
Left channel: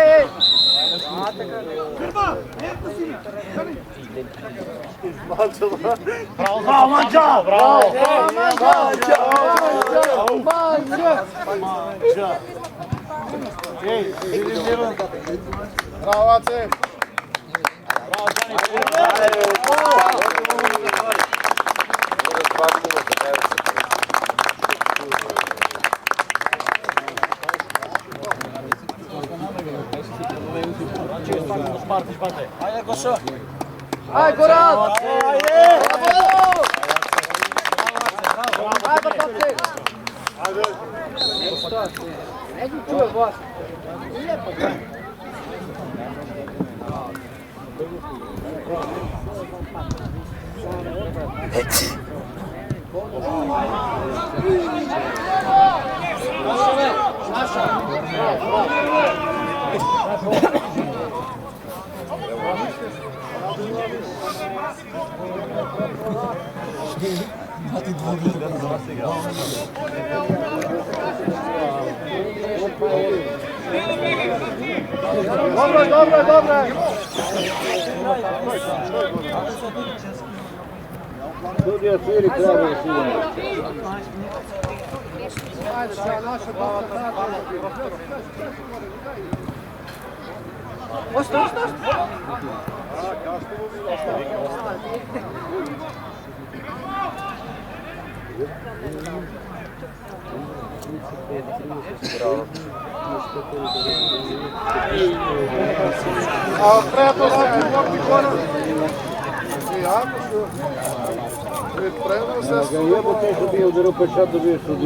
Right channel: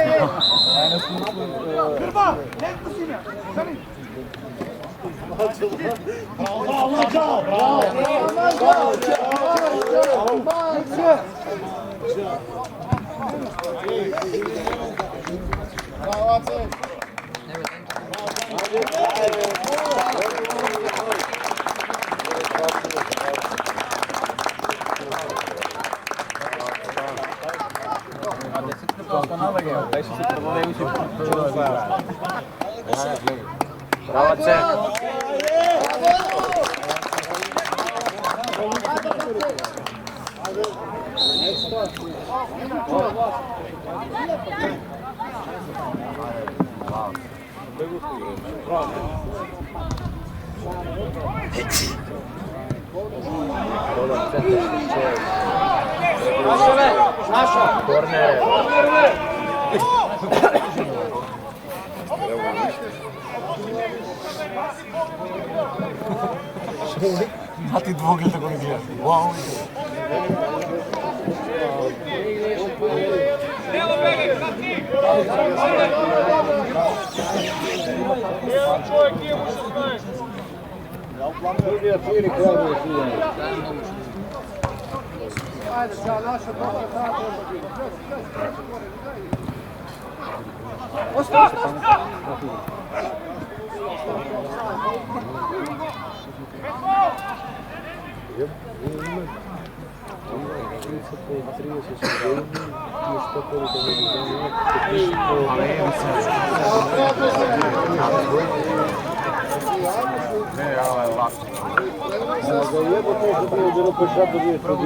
Grba! Lento si me! Bravo, Mađa! Bravo! Bravo, Ace! Aj, Goran! Mati dvogled tako gleda. Wow. Ajde, sad naša dobra tada. Osta.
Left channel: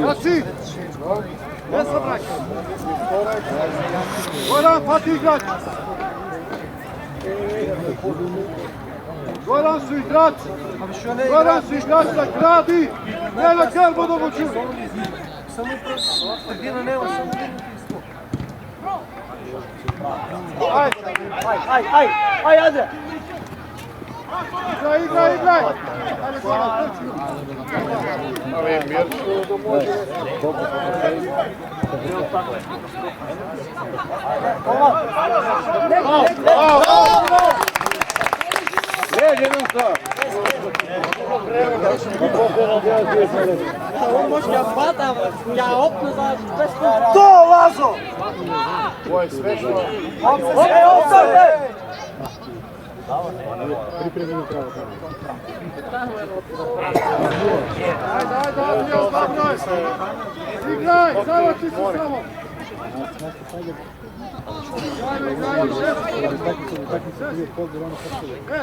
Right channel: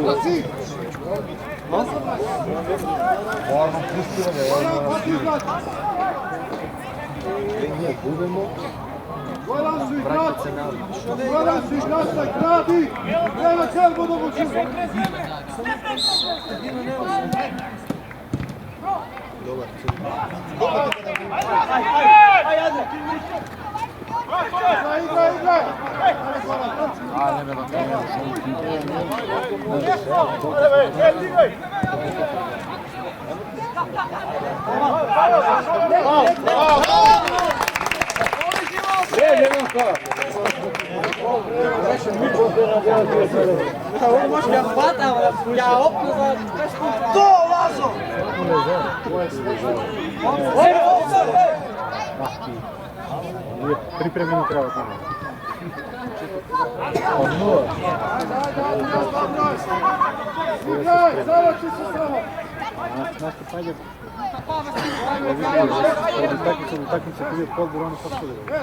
Asi! Ne sabraj! Goran, hvati igrač! Goran su igrači! Goran su igrači da gradi! Ne na kerbu da vuču! Aj, Adria! Igraj! Ajde, Goran, trči! On može da hvata, ja okno za nešto. To, Lazo! Pripremimo pravo. Ajde, Adrian, zabraj! Igraj, zavači se samo!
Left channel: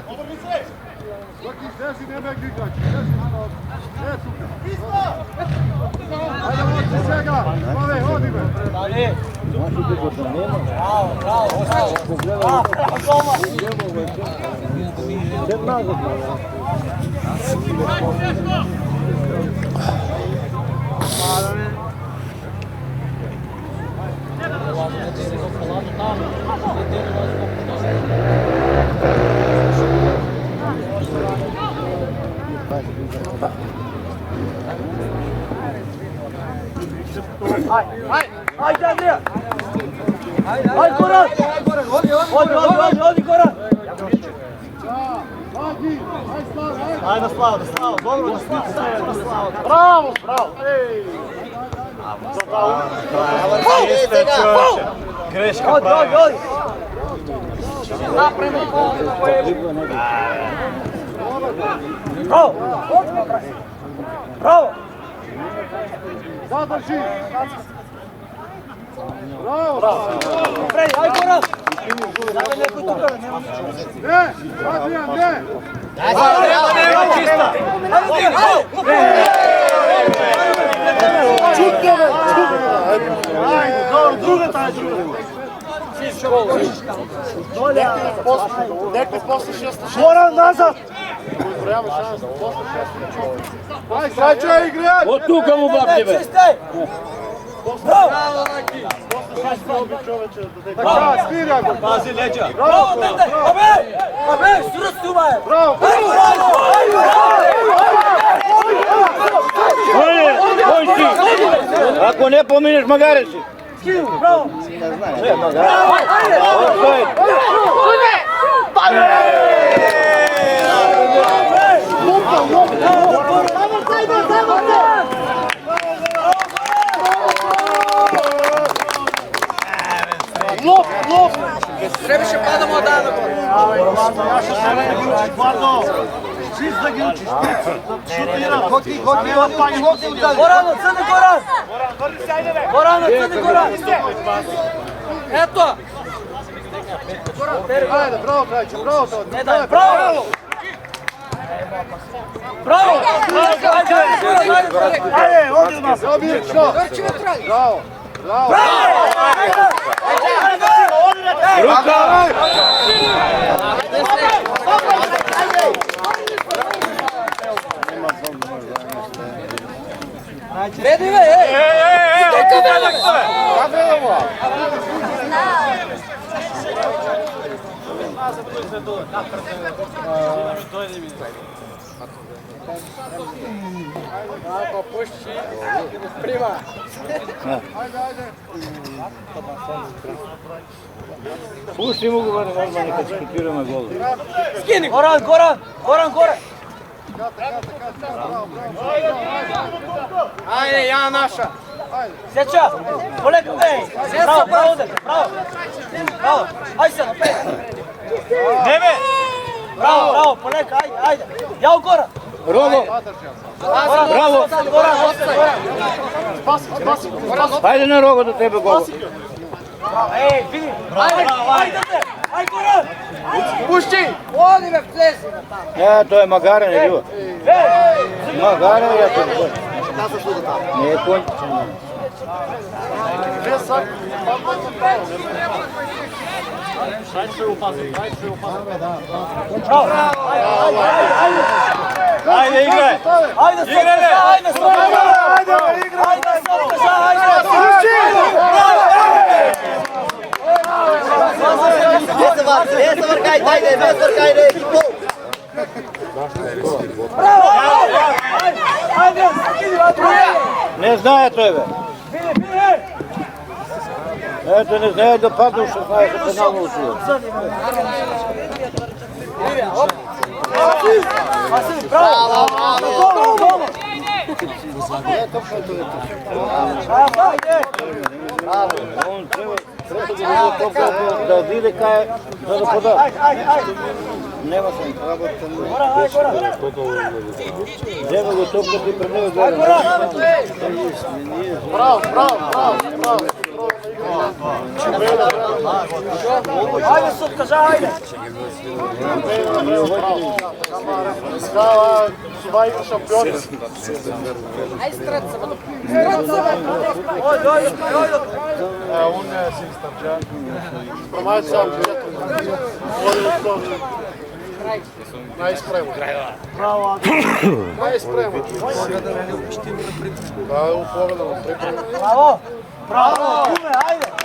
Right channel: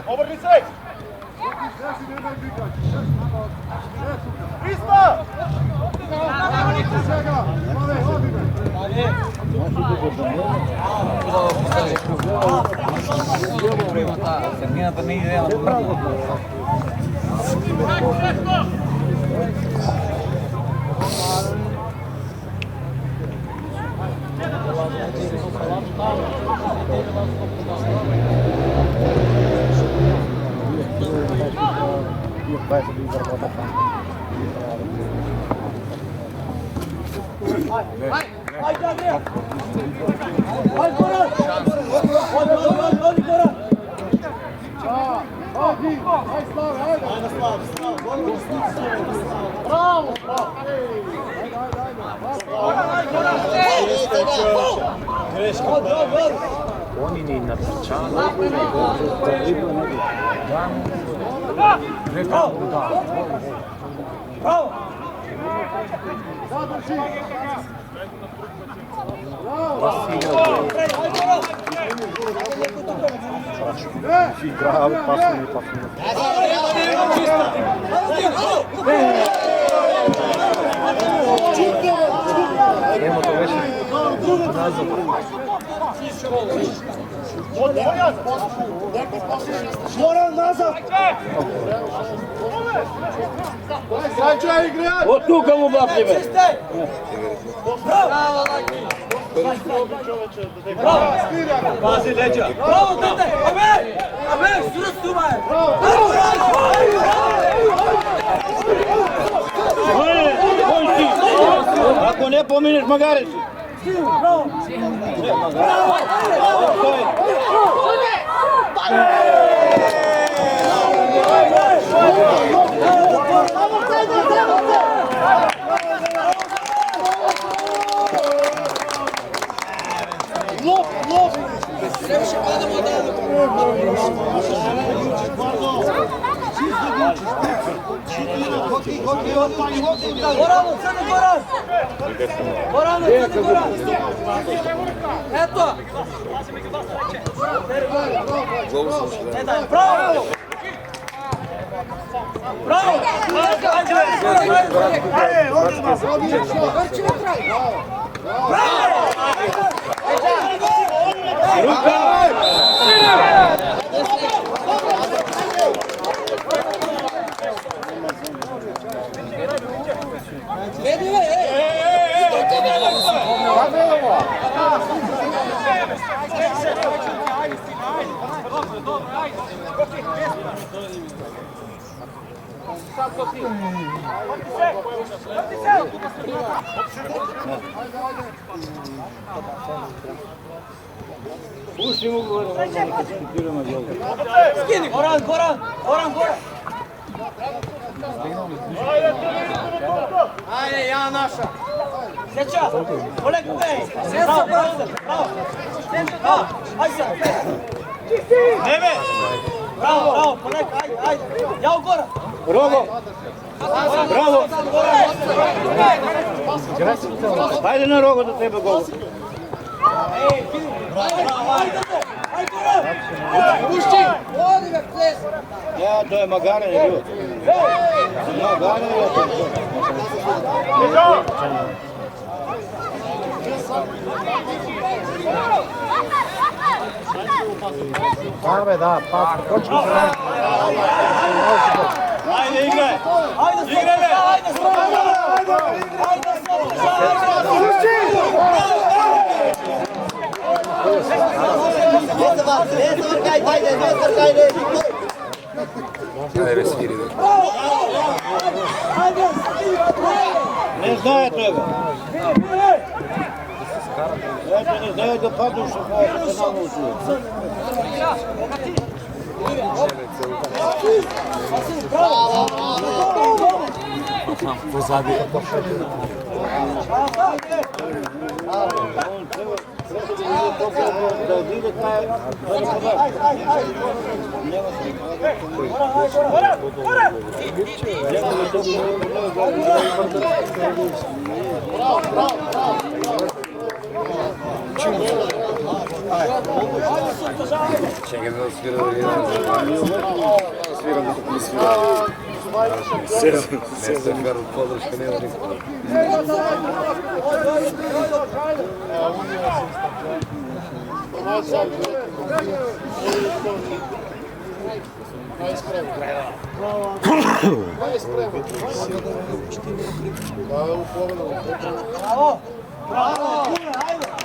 Obrnice! Dok izrezi, nemaj igrać. Isto! Ajde, od svega! Slave, odi me! Ajde, Andrija! Ajde, Goran! Odi, Goran! Odi, aj Slave, ajde! Ajde, Slava, dobro da Slava. Bravo! Greška, odi! Bravo! Zadrži! Bravo! Ajde, Goran! Ne! Adrian, ne! Goran, nazad! Aj, sad će igrati! Od tu kamu bab tebe! Bravo, Laki! pusti obi čoveče da te Gazi leđa. Bravo, dete! Ame, sura stumaje! Bravo! Ako ne pominješ, magare si. Bravo! Lop! Previše padamo od dana. Gorano, crni Goran! Gorano, crni Goran! Eto! Ajde, bravo, Krajić, bravo! Bravo! Bravo! Bravo! Bravo! Vedi me, Pusti mogu normalno kad skupiramo gol. Skini! Goran! Ajde, ja naša! Sjeća! Oleg u gej! Bravo! Bravo! Ajde se! Neme! Bravo! Oleg, ajde! Jao Goran! Rogo! Bravo! Ajde na Rogo do tebe gol. Ajde! Ajde Goran! Pušti! Odi me ples! Ja, to je Magaren je bio. Magaren je to gol. Ajde igraj! Ajde igraj! Ne znaje tebe. Eto, ne znaje da padnu što znaje da se nama učuje. Da vide kaj je poda. Nema se nema ga to Bravo! Ajde sutka, žajde! Svaj šampioni. On je sistem. Pромајат сам. Најспремо. Браво. Најспремо. Bravo! Bravo! Ajde!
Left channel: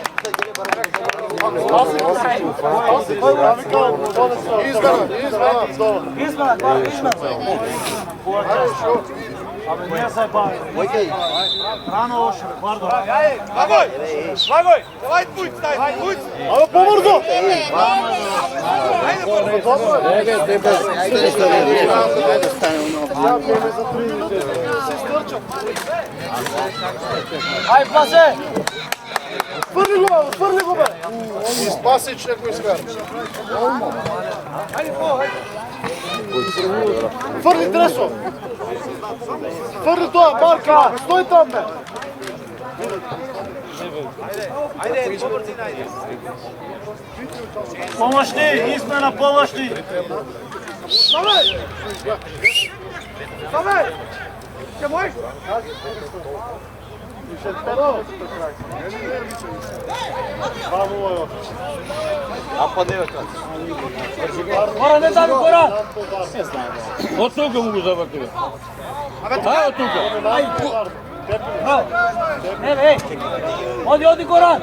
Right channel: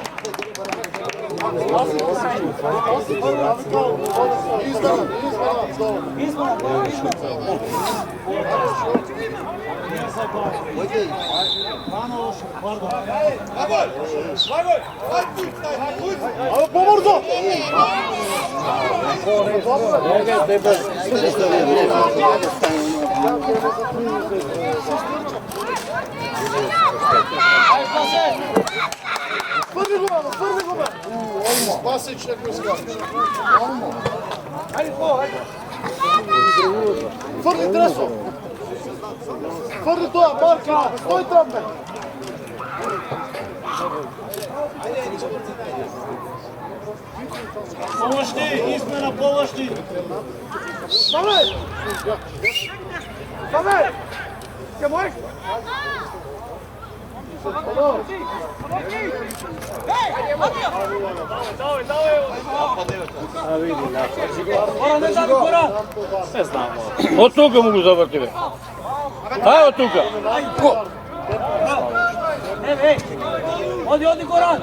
Ajde, pase! Фърли го, бе! Он спаси, че го изкараш. Хайде, хайде! Фърли Дресо! Фърли това, Марка! Стой там, бе! Помощни! Измена помощни! Ставай! Ставай! Ще можеш? От тук му го завърти, бе. Ай, от тук. Оди, Горан!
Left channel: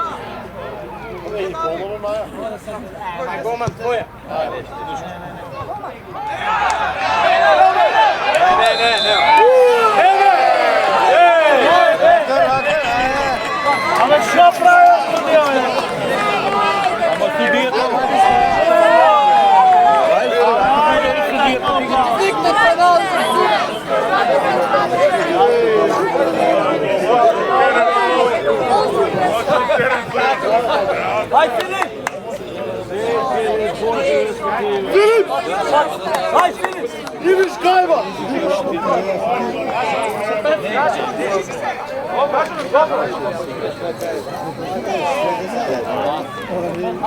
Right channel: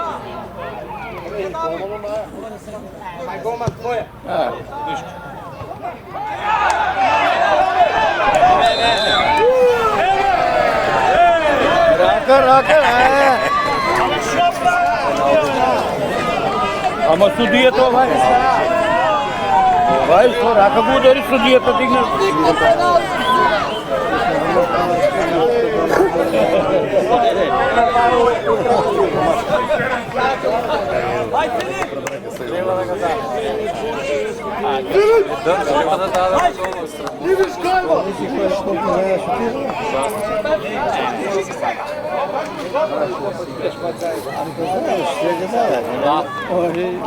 Ama судия това. Ако го удари судията, дигна. Ивиш Гайва!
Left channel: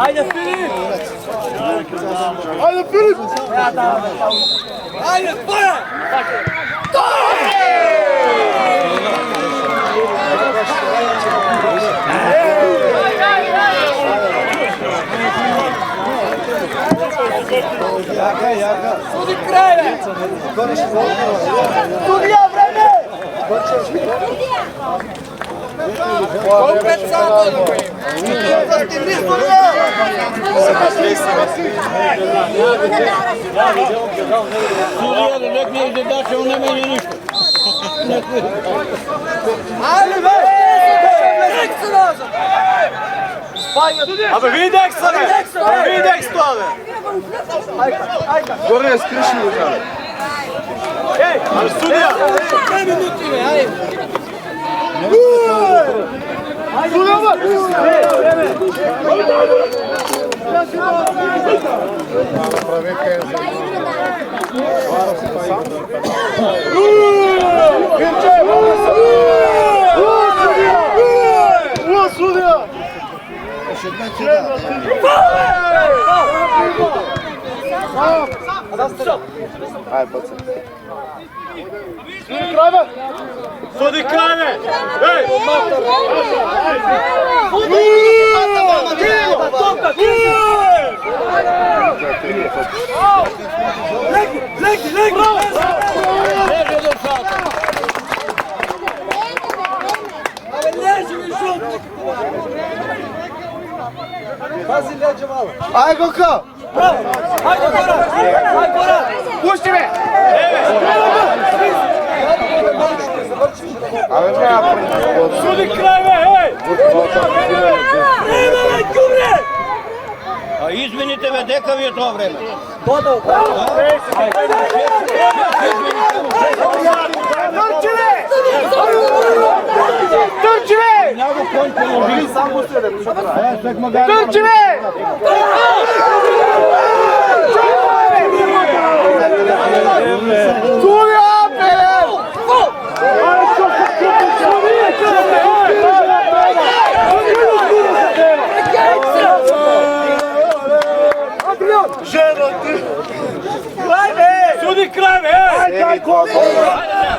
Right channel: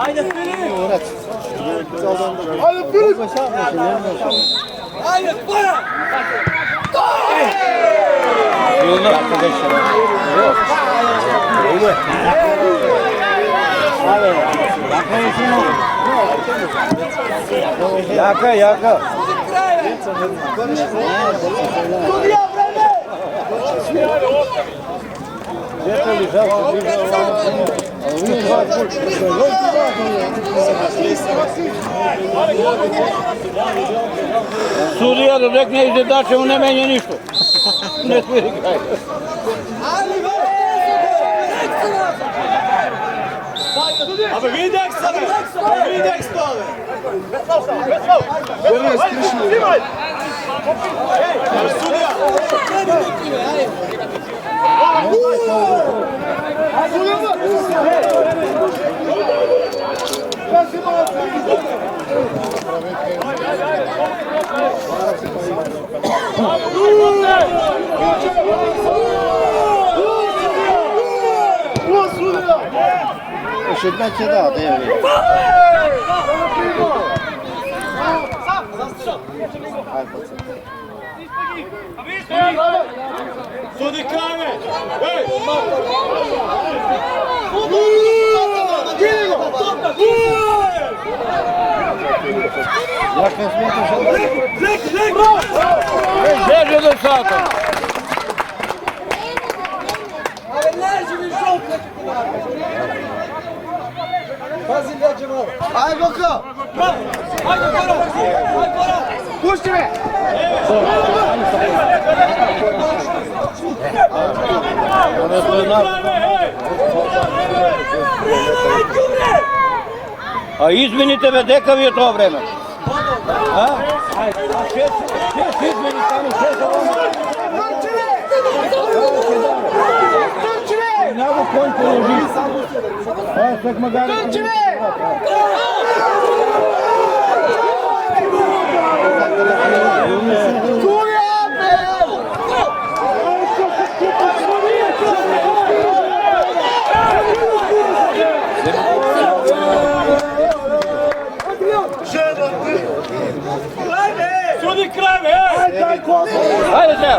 Ajde Filip! Ajde Filip! Ajde, tvoja! Jaka, jaka. Судия, време! Судия да рекне и задача, не меня нищо. Не твори. Абе, виж Декса, бе! Виж Декс това, бе! Горе, скриши го, бе! Ей, абе, судия! Ще една ќе да, Ajde, pacem. Суди край, бе! Ей! Лежи децата. Ajde, Goka! Pusti me! Суди край, бе! Ей! А измените бе, дека ви е това време? Trči me! Няма конь положи. Trči me! Судия, бе! Суди край, бе! Хайде сега. Ajde!